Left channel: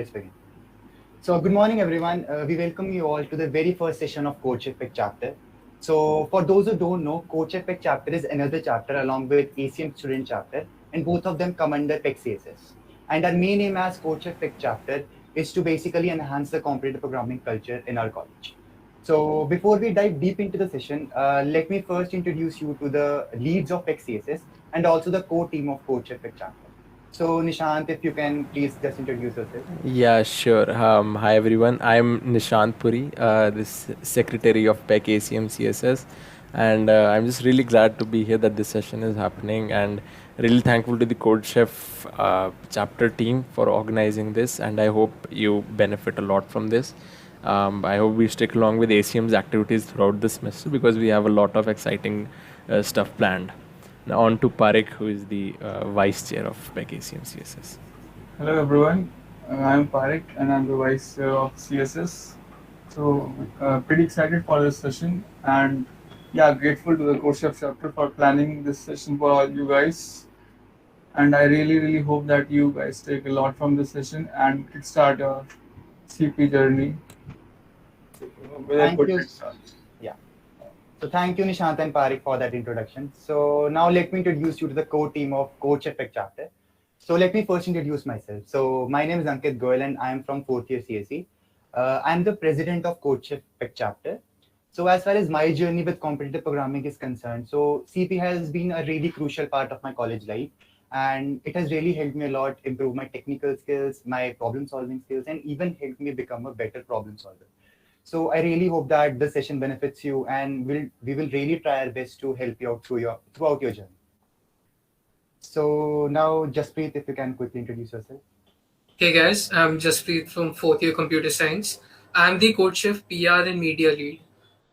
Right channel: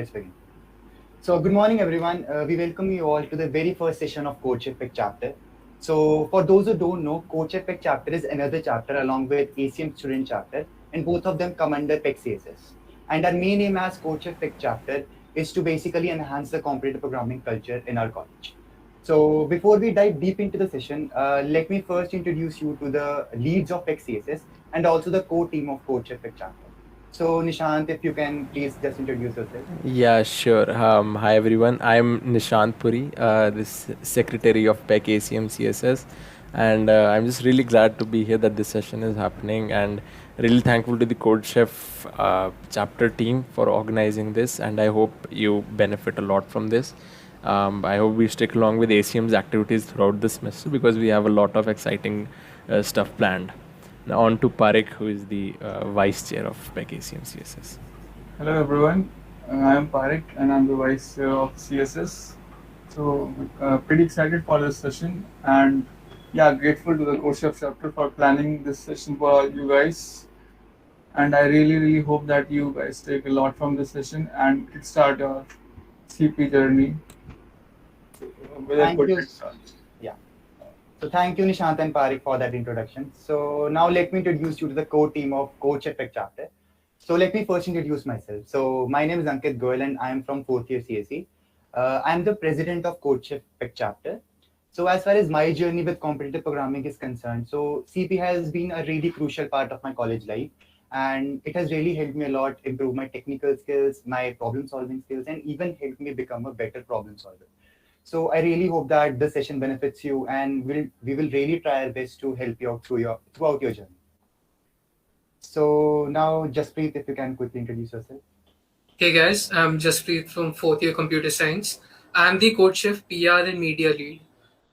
let's begin. So, good morning, everyone. We welcome you all to the very first session of Coach Effect chapter. So, for those who don't know, Coach Effect chapter is another chapter along with ACM student chapter, and both of them come under PEC CSS. And our main aim as Coach Effect chapter is to basically enhance the competitive programming culture in our college. So, before we dive deep into the session, let me first introduce you to the leads of PEC CSS and also the core team of Coach Effect chapter. So, Nishant, if you can please just introduce yourself. Yeah, sure. Hi everyone. I'm Nishant Puri, this secretary of PEC ACM CSS, and I'm just really glad to be here that this session is happening, and really thankful to the Code Chef chapter team for organizing this, and I hope you benefit a lot from this. I hope we stick along with ACM's activities throughout this semester because we have a lot of exciting stuff planned. Now on to Parik, who is the vice chair of PEC ACM CSS. Hello everyone, I am Parik and I'm the Vice Chair of CSS. So, pretty excited for this session and yeah, grateful to the Coach Chef chapter for planning this session for all you guys. And I really hope that you guys take a lot from this session and kickstart your CP journey with a Thank good you. head start. Yeah. So thank you, Nishant and Parik, for that introduction. So now let me introduce you to the core team of Coach Effect chapter. So let me first introduce myself. So my name is Ankit Goyal and I am from fourth year CSE. I am the president of Coach Effect chapter. So as far as my journey with competitive programming is concerned, so CP has been a really crucial part of my college life, and it has really helped me a lot improve my technical skills, my problem solving skills, and even helped me become a better problem solver. So I really hope that this session benefits you, and we will really try our best to help you out throughout your journey. So now, Jasprit, if you can quickly introduce yourself. Hey guys, I'm Jaspreet from fourth year computer science. I'm the Code Chef PR and media lead.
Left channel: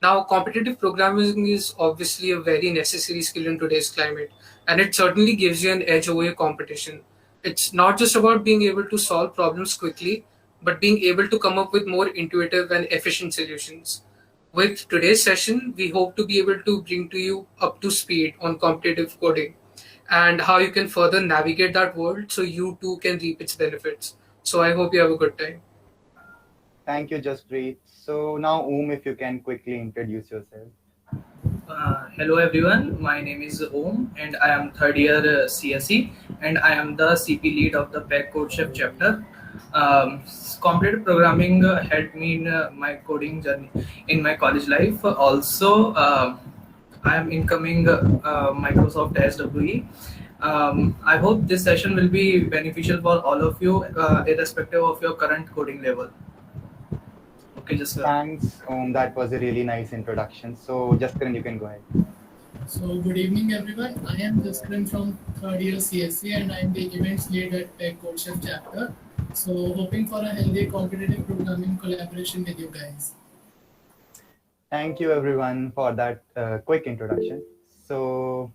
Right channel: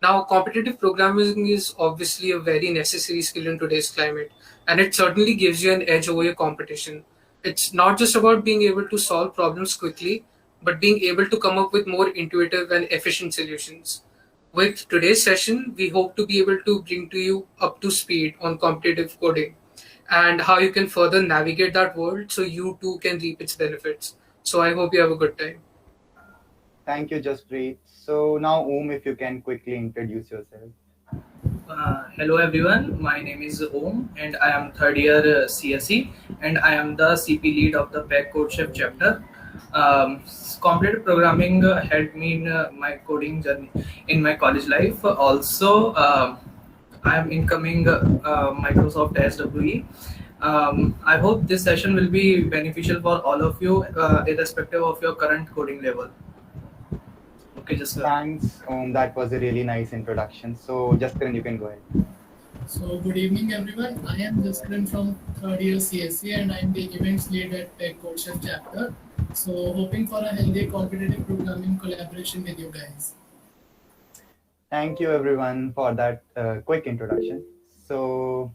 Now, competitive programming is obviously a very necessary skill in today's climate, and it certainly gives you an edge over your competition. It's not just about being able to solve problems quickly, but being able to come up with more intuitive and efficient solutions. With today's session, we hope to be able to bring to you up to speed on competitive coding and how you can further navigate that world so you too can reap its benefits. So I hope you have a good time. Thank you, Jasprit. So now, if you can quickly introduce yourself. Hello everyone, my name is Om and I am third year CSE and I am the CP lead of the PEC Code Chef chapter. Competitive programming helped me in my coding journey in my college life. Also, I am incoming Microsoft SWE. I hope this session will be beneficial for all of you, irrespective of your current coding level. Okay, just Thanks, that was a really nice introduction. So, Jaskaran, you can go ahead. So good evening everyone. I am Jaskaran from third year CSC and I am the events lead at Tech Code Chef chapter. So hoping for a healthy competitive programming collaboration with you guys. Thank you, everyone, for that quick introduction. So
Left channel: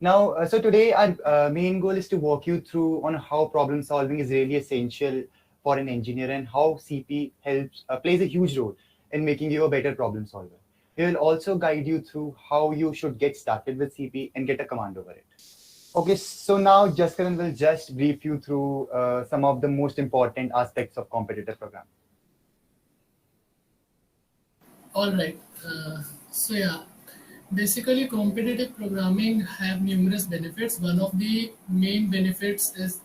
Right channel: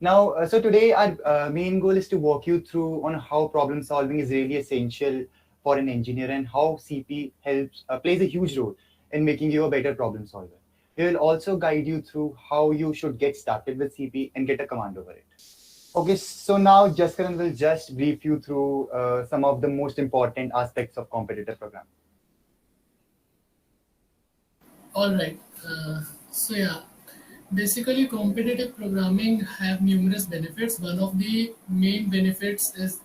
now, so today our main goal is to walk you through on how problem solving is really essential for an engineer and how CP helps plays a huge role in making you a better problem solver. We will also guide you through how you should get started with CP and get a command over it. Okay, so now Jaskaran will just brief you through some of the most important aspects of competitive programming. All right. So yeah, basically competitive programming have numerous benefits. One of the main benefits is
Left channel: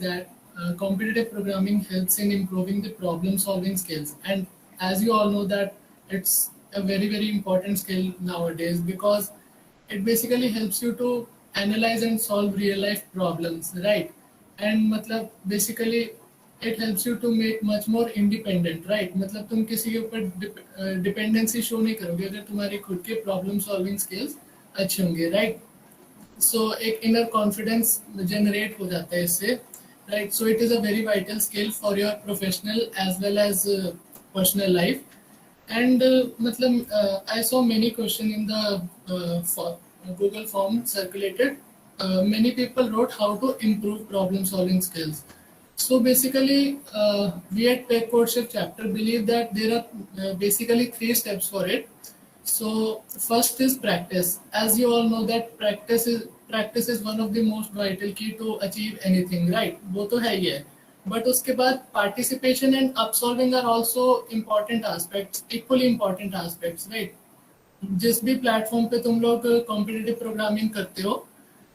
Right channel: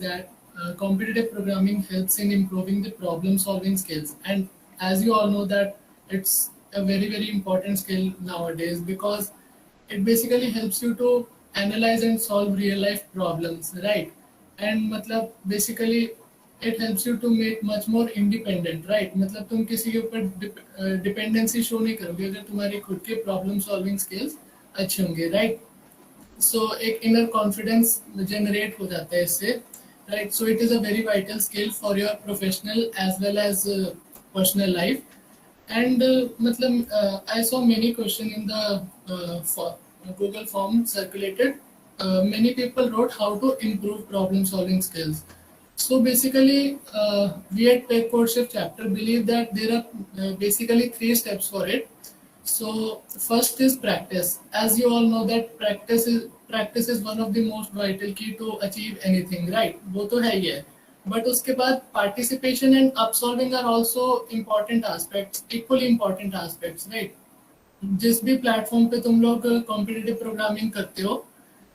that competitive programming helps in improving the problem solving skills. And as you all know that it's a very important skill nowadays because it basically helps you to analyze and solve real life problems, right? And matlab basically it helps you to make much more independent, right? मतलब तुम किसी के ऊपर dependency show नहीं करोगे अगर तुम्हारे खुद के प्रॉब्लम सॉल्विंग स्किल्स अच्छे होंगे, राइट? सो एक इनर कॉन्फिडेंस जनरेट हो जाता है इससे, right? So it is a very vital skill for your professional as well as personal life. And I saw many questions in the Google form circulated. Many people wrote how to improve problem solving skills. So basically, we at Tech Code Chef chapter believe that there are basically 3 steps for it. So first is practice. As you all know that practice is one of the most vital key to achieve anything, right? वो तो है ही है. But उसके बाद participation and upsolving are also important aspects, equally important aspects, right? जिस भी platform पे तुम लोग कॉम्पिटिटिव प्रोग्रामिंग करते हो,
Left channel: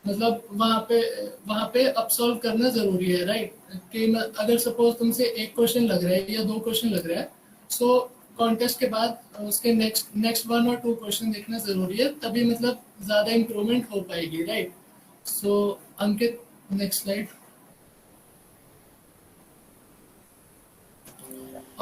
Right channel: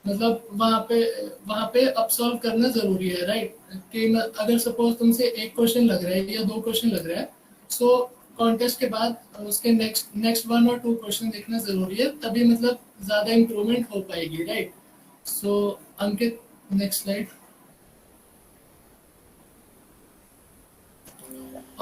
मतलब वहाँ पे अपसॉल्व करना जरूरी है, राइट? कि अगर सपोज तुमसे एक क्वेश्चन लग रहा है या दो क्वेश्चन लग रहा है, सो कॉन्टेस्ट के बाद उसके नेक्स्ट नेक्स्ट 1 और 2 क्वेश्चन देखना जरूरी है, तभी मतलब ज्यादा इम्प्रूवमेंट हो पाएगी, right? So Ankit, next slide.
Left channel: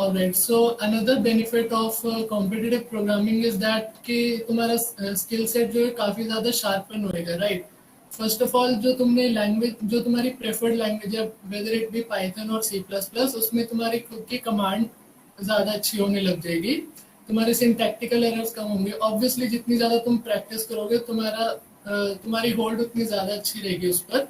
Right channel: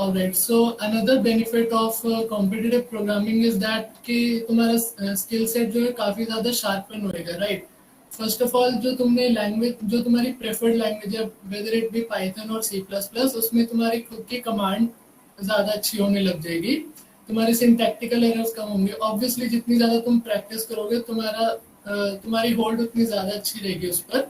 Alright, so another benefit of competitive programming is that कि तुम्हारा स्किल सेट जो है काफी ज्यादा शार्पन होएगा, राइट? फर्स्ट ऑफ ऑल, जो तुमने लैंग्वेज, जो तुम्हारी प्रेफर्ड लैंग्वेज है, वेदर इट बी पाइथन और सी प्लस प्लस, उसमें तुम्हारी खुद की कमांड ज्यादा अच्छी होने लग जाएगी, तुम्हारे सिंटैक्टिकल एरर्स कम होंगे. ऑब्वियसली जितनी ज्यादा तुम प्रैक्टिस करोगे, तुम्हारी होल्ड उतनी ज्यादा अच्छी रहेगी उस पर,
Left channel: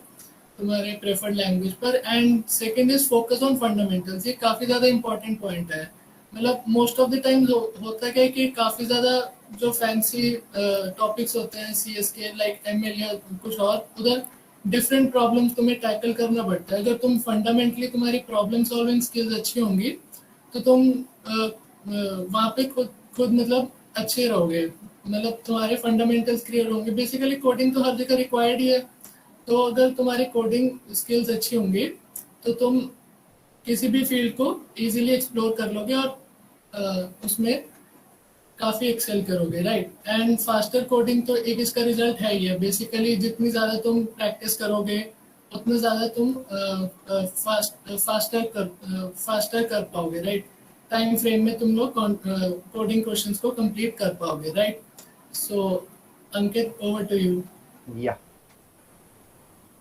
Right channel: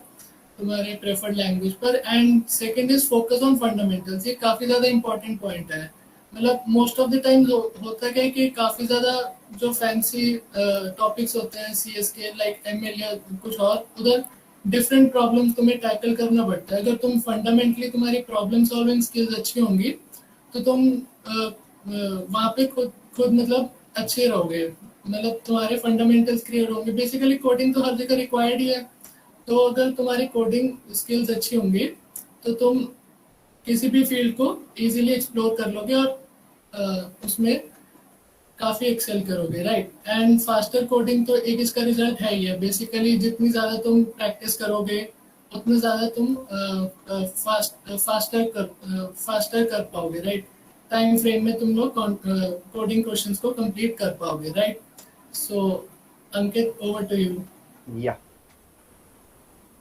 तुम्हारे प्रेफर्ड लैंग्वेज पर. And second is focus on fundamentals. ये काफी ज्यादा इंपॉर्टेंट पॉइंट है. मतलब मोस्ट ऑफ द टाइम होता क्या है कि काफी ज्यादा जो फैंसी टॉपिक्स होते हैं सी एस के, लाइक एम एल या कुछ और, उधर डिफरेंट प्रॉब्लम्स तुम्हें टैकल करना पड़ता है. अगर तुम फंडामेंटली तुम्हारी प्रॉब्लम सॉल्विंग स्किल्स अच्छी होंगी, तो तुम वहाँ पे खुद खुद मतलब अच्छे रहोगे, मतलब तुम्हारे फंडामेंटल्स क्लियर होंगे. बेसिकली कोडिंग तो हर जगह रिक्वायर्ड ही है, तो अगर तुम्हारी कोडिंग स्किल्स अच्छी होंगी, तो तुम किसी भी फील्ड को इजीली एक्सप्लोर कर लोगे और उसमें काफी एक्सेल करोगे, राइट? एंड फास्टर कोडिंग तो एक इसका रिजल्ट है ही है. बेसिकली जितनी ज्यादा तुम प्रैक्टिस करोगे, उतना ज्यादा तुम फास्टर कर पाओगे, राइट? टाइम फ्रेम में तुम लोग कोडिंग क्वेश्चंस को कंप्लीट कर पाओगे, right? So Ankit, over to you. Yeah,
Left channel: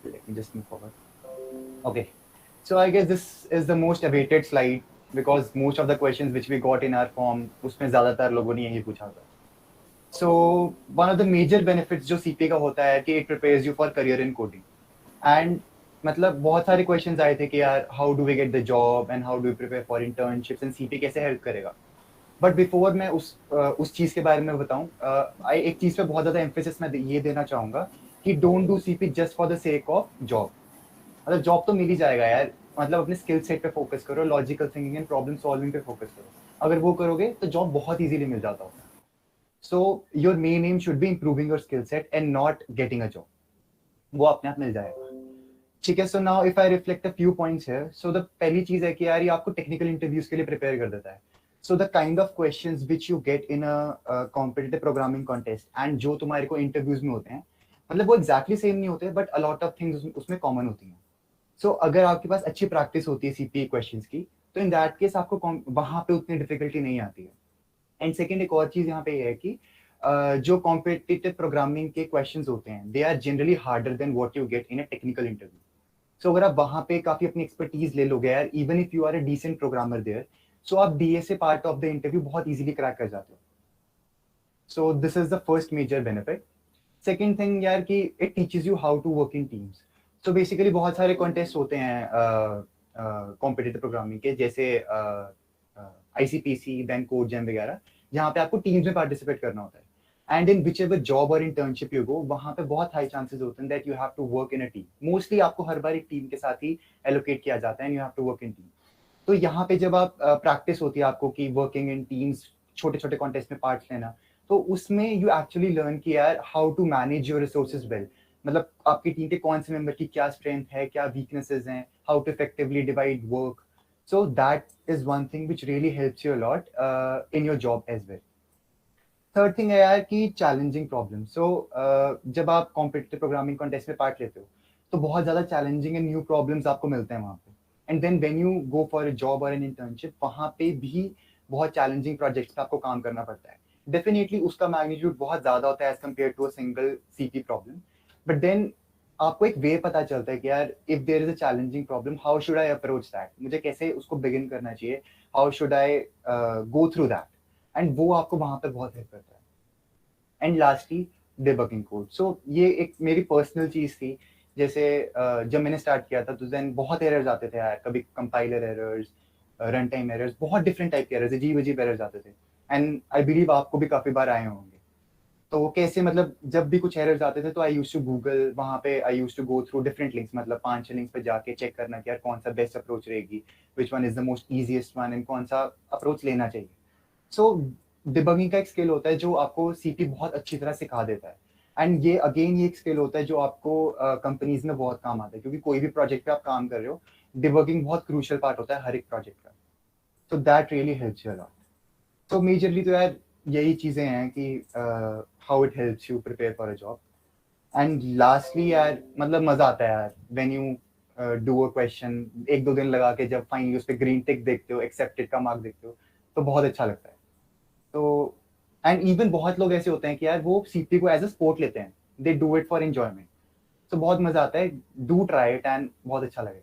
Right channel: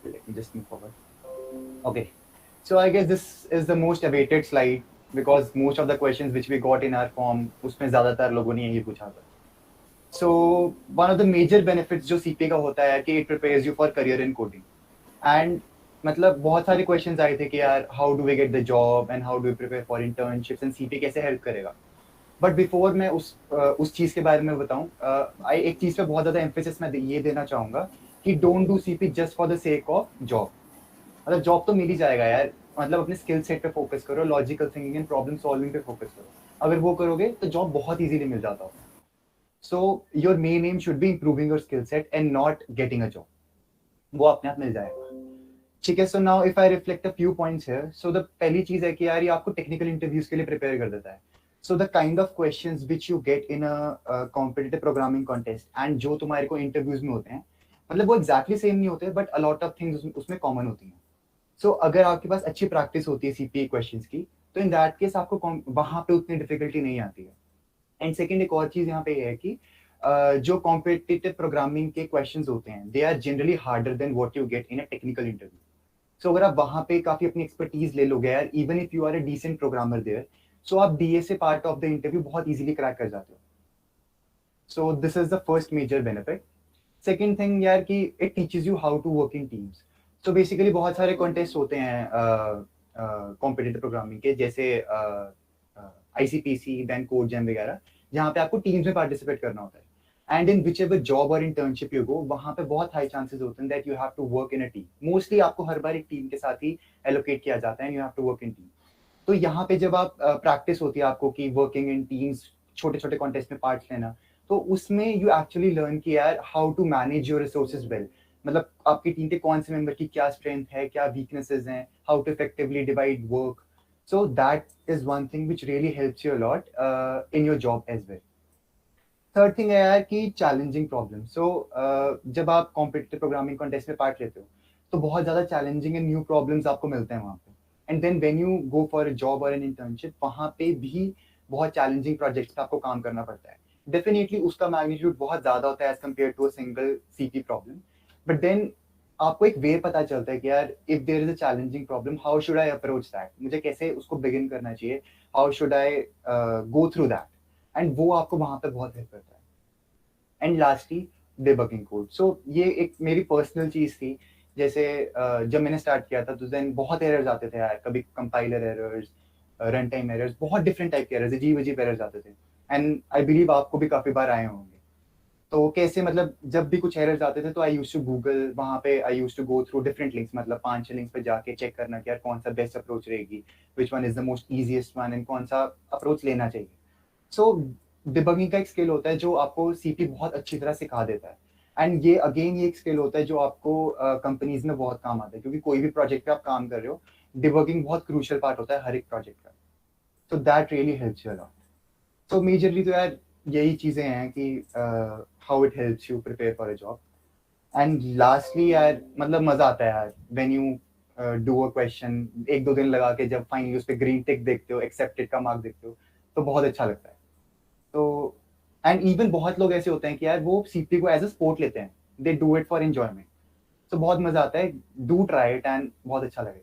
let me just move forward. Okay, so I guess this is the most awaited slide because most of the questions which we got in our form, उसमें ज़्यादातर लोगों ने यही पूछा था. So one of the major benefits जो CPA का होता है कि it prepares you for career in coding. And मतलब बहुत सारे questions आए थे कि यार how do we get the job and how do we prepare for internships and CPA कैसे help करेगा. बट बिफोर मैं उस चीज़ के बारे में बताऊं, एक चीज़ पे बहुत ज़्यादा एम्फेसिस मैं ये देना चाहूँगा कि don't do CP just for the sake of job. मतलब जॉब तो मिल ही जाएगा यार, मतलब अपने स्किल सेट पे फोकस करो, logical thinking and problem solving पे फोकस करो. अगर वो करोगे तो जॉब बहुत इजीली मिल जाता है. So your main M should be improving your skill set and not getting a job. वो अपने आप मिल जाएगा. ठीक है. So now if I reflect a few points here, so the पहली चीज़ है कि यार ये आपको टेक्निकल इंटरव्यूज के लिए प्रिपेयर कर देता है. So the kind of questions which you get in a competitive programming contest and जो तुम्हारे को interviews में होते हैं, मतलब वो exactly same नहीं होते, but a lot of things उसमें common होती हैं. So अगर आपके पास अच्छी practice होती है CPA questions की, तो in that case आपको वहाँ पे उतनी difficulty नहीं आती है. And second, एक और चीज़ यहाँ पे है कि जो competitive programming के questions होते हैं, they are generally harder than what you get in a technical interview. So अगर आप वहाँ पे काफ़ी अपनी expertise ले लोगे यार, even if you are a decent programmer there, so आप DSA part of the interview बहुत इजीली क्रैक कर जाते हो. So this is the first major benefit. Second thing यार कि it teaches you how to work in teams. So basically बहुत सारे contest होते हैं कॉम्पिटिटिव प्रोग्रामिंग के, जैसे ICPC, देन कोड जैम वगैरह, जहाँ पे आपको टीम्स में पार्टिसिपेट करना होता है. And in whichever job और इंटर्नशिप यू गो, वहाँ पे बहुत हाई चांसेस होते हैं that you have to work in a team. Mostly आपको हर बार एक टीम के साथ ही एलोकेट किया जाता है and you have to work in team. तो यहाँ पे जब आप प्रैक्टिस होती है आपको कि वर्किंग इन टीम्स, छोटे छोटे कॉन्टेस्ट में पार्ट लेना, तो उसमें यू एक्चुअली लर्न कि यार how to manage your resources well. मतलब आपकी टीम के कौन से मेंबर की क्या स्ट्रेंथ है, क्या वीकनेसेस हैं, how to effectively divide work. So that is one thing which really helps you a lot in your job as well. Third thing है यार कि चैलेंजिंग प्रॉब्लम. सो जब आप कॉम्पिटिटिव प्रोग्रामिंग कॉन्टेस्ट में पार्ट लेते हो, तो बहुत ज़्यादा चैलेंजिंग एंड न्यू प्रॉब्लम्स आपको मिलते हैं वहाँ पे. And then when you go for a job और एन इंटर्नशिप, वहाँ पे भी बहुत चैलेंजिंग प्रोजेक्ट्स पे आपको काम करना पड़ता है. डेफिनेटली उसका मैग्नीट्यूड बहुत ज़्यादा होता है as compare to a single CP problem. But then आपको एक वे पता चलता है कि यार if there is a challenging problem, how should I approach that, मुझे कैसे उसको बिगिन करना चाहिए, how should I go through that. And वो आपको वहाँ पे बहुत हेल्प करता है. And lastly, debugging code. So ये एक मेरी पर्सनल चीज़ थी. जैसे जब मैंने स्टार्ट किया था तो देन बहुत एरर्स आते थे यार, कभी compiler errors, run time errors, बहुत डिफरेंट टाइप के एरर्स, अजीब अजीब एरर्स आते थे. एंड आई बिलीव आपको भी काफ़ी बार आए होंगे. तो कैसे मतलब जब भी कुछ एरर्स आते थे तो आई यूज टू गूगल, वहाँ पे I use to go through different links, मतलब 5-6 लिंक्स पे जाके चेक करना कि यार कौन सा बेस्ट अप्रोच रहेगी, which one is the most easiest one and कौन सा अप्रोच लेना चाहिए। सो डिबगिंग का एक स्किल होता है जो आपको सीपी बहुत अच्छी तरह सिखा देता है। एंड ये अगेन ये एक स्किल होता है जो आपको कंपनीज में बहुत काम आता है, क्योंकि कोई भी प्रोजेक्ट पे आप काम कर रहे हो, डिबगिंग बहुत क्रूशियल पार्ट होता है हर एक प्रोजेक्ट का। So that really helps you a lot. So majorly तो यार यही चीजें हैं कि how it helps you prepare for a job. And lastly यार मतलब मजा आता है यार when you do a question, 1-2 दिन लगा के जब फाइनली उस पे ग्रीन टिक देखते हो, एक्सेप्टेड का मार्क देखते हो, तो बहुत अच्छा लगता है। तो एंड इवन बहुत लोग ऐसे होते हैं कि यार वो सीपी को एज अ स्पोर्ट लेते हैं, they do it for enjoyment. तो बहुत मजा आता है, डू ट्राई इट एंड बहुत अच्छा लगेगा।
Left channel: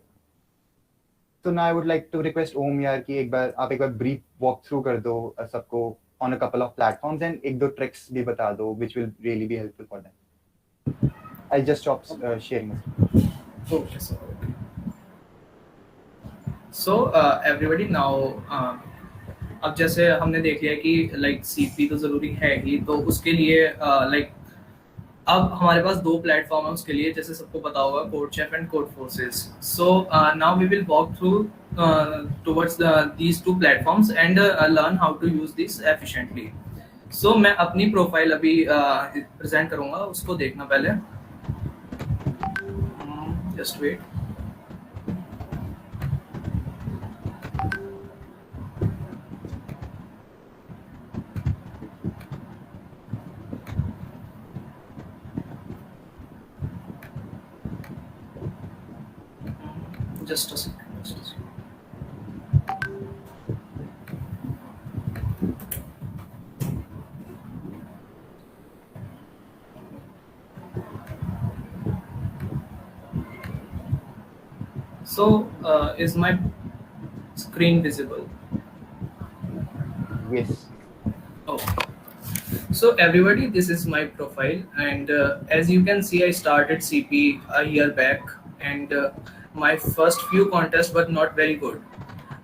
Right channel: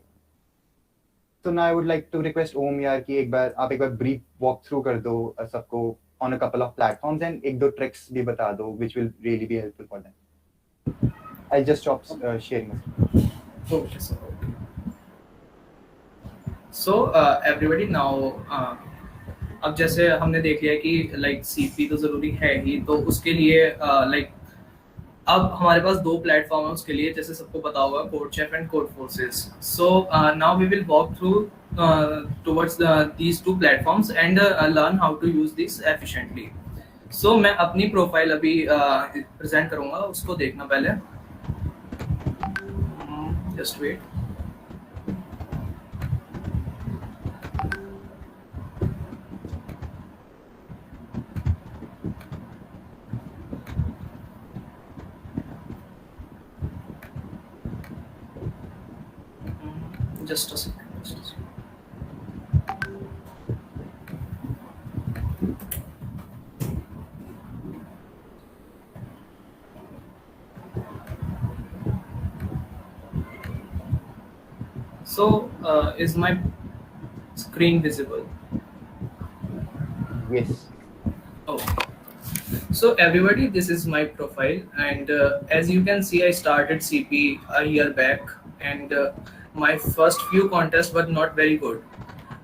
तो now I would like to request Om यार कि एक बार ब्रीफ वॉक थ्रू कर दो सबको on a couple of platforms and 1-2 tricks भी बता दो which will really be helpful for them. I just stop sharing. Okay, so everybody now अब जैसे हमने देख लिया कि लाइक सीपी तो जरूरी है ही, तो उसके लिए लाइक अब हमारे पास 2 प्लेटफॉर्म है उसके लिए, जैसे सबको पता होगा, CodeChef and Codeforces. So now we will walk through towards these 2 platforms and learn how to use this efficiently. So मैं अपनी प्रोफाइल अभी प्रेजेंट करूंगा, उसको देखना पहले, just wait. Just a second. Just a second. So, is my screen visible? Yes. Oh. So everybody, this is my profile, and as you can see, I started CP a year back, and my first few contests were not very good.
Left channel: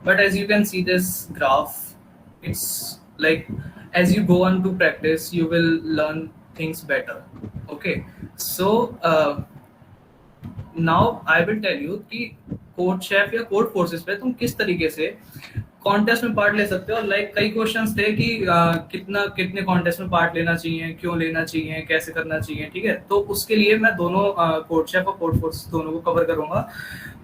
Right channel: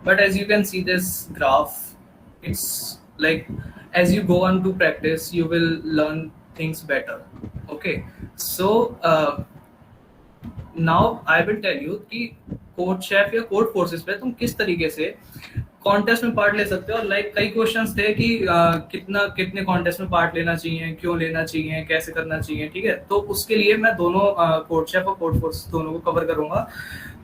But as you can see this graph, it's like as you go on to practice, you will learn things better. Okay, so now I will tell you कि code chef या code forces पे तुम किस तरीके से contest में part ले सकते हो। लाइक कई क्वेश्चंस थे कि कितने कॉन्टेस्ट में पार्ट लेना चाहिए, क्यों लेना चाहिए, कैसे करना चाहिए, ठीक है। तो उसके लिए मैं दोनों कोड शेफ और कोड फोर्स दोनों को कवर करूंगा।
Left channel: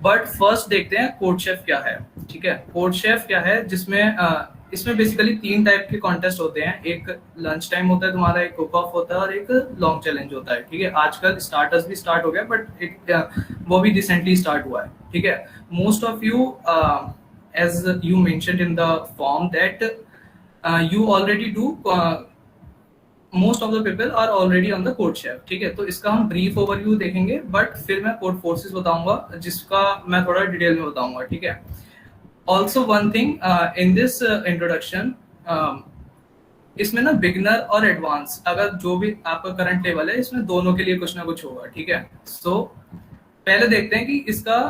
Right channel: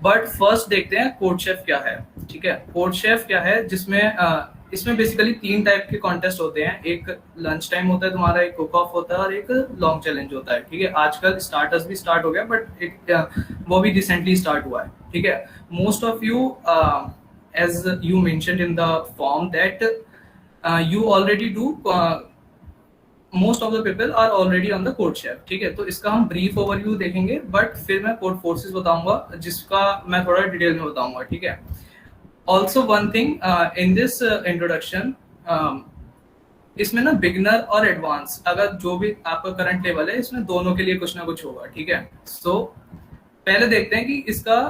बट फर्स्ट देखते हैं कोड शेफ क्या है, ठीक है। कोड शेफ क्या है, जिसमें इसमें बेसिकली 3 टाइप के कॉन्टेस्ट होते हैं। एक लंच टाइम होता है तुम्हारा, एक कुक ऑफ होता है और एक लॉन्ग चैलेंज होता है, ठीक है। आजकल स्टार्टर्स भी स्टार्ट हो गया, बट एक वो भी रिसेंटली स्टार्ट हुआ है, ठीक है। Most of you as you mentioned in the form that you already do, most of the people are already on the code chef, ठीक है। तो इसका हम ब्रीफ ओवरव्यू देखेंगे, बट फिर मैं कोड फोर्सेस बताऊंगा जिसका मैं थोड़ा डिटेल में बताऊंगा, ठीक है। Also one thing in this introduction, इसमें ना बिगिनर और एडवांस, अगर जो भी आपका करंट लेवल है, इसमें दोनों के लिए कुछ ना कुछ होगा, ठीक है। सो पहले देखते हैं कि इसका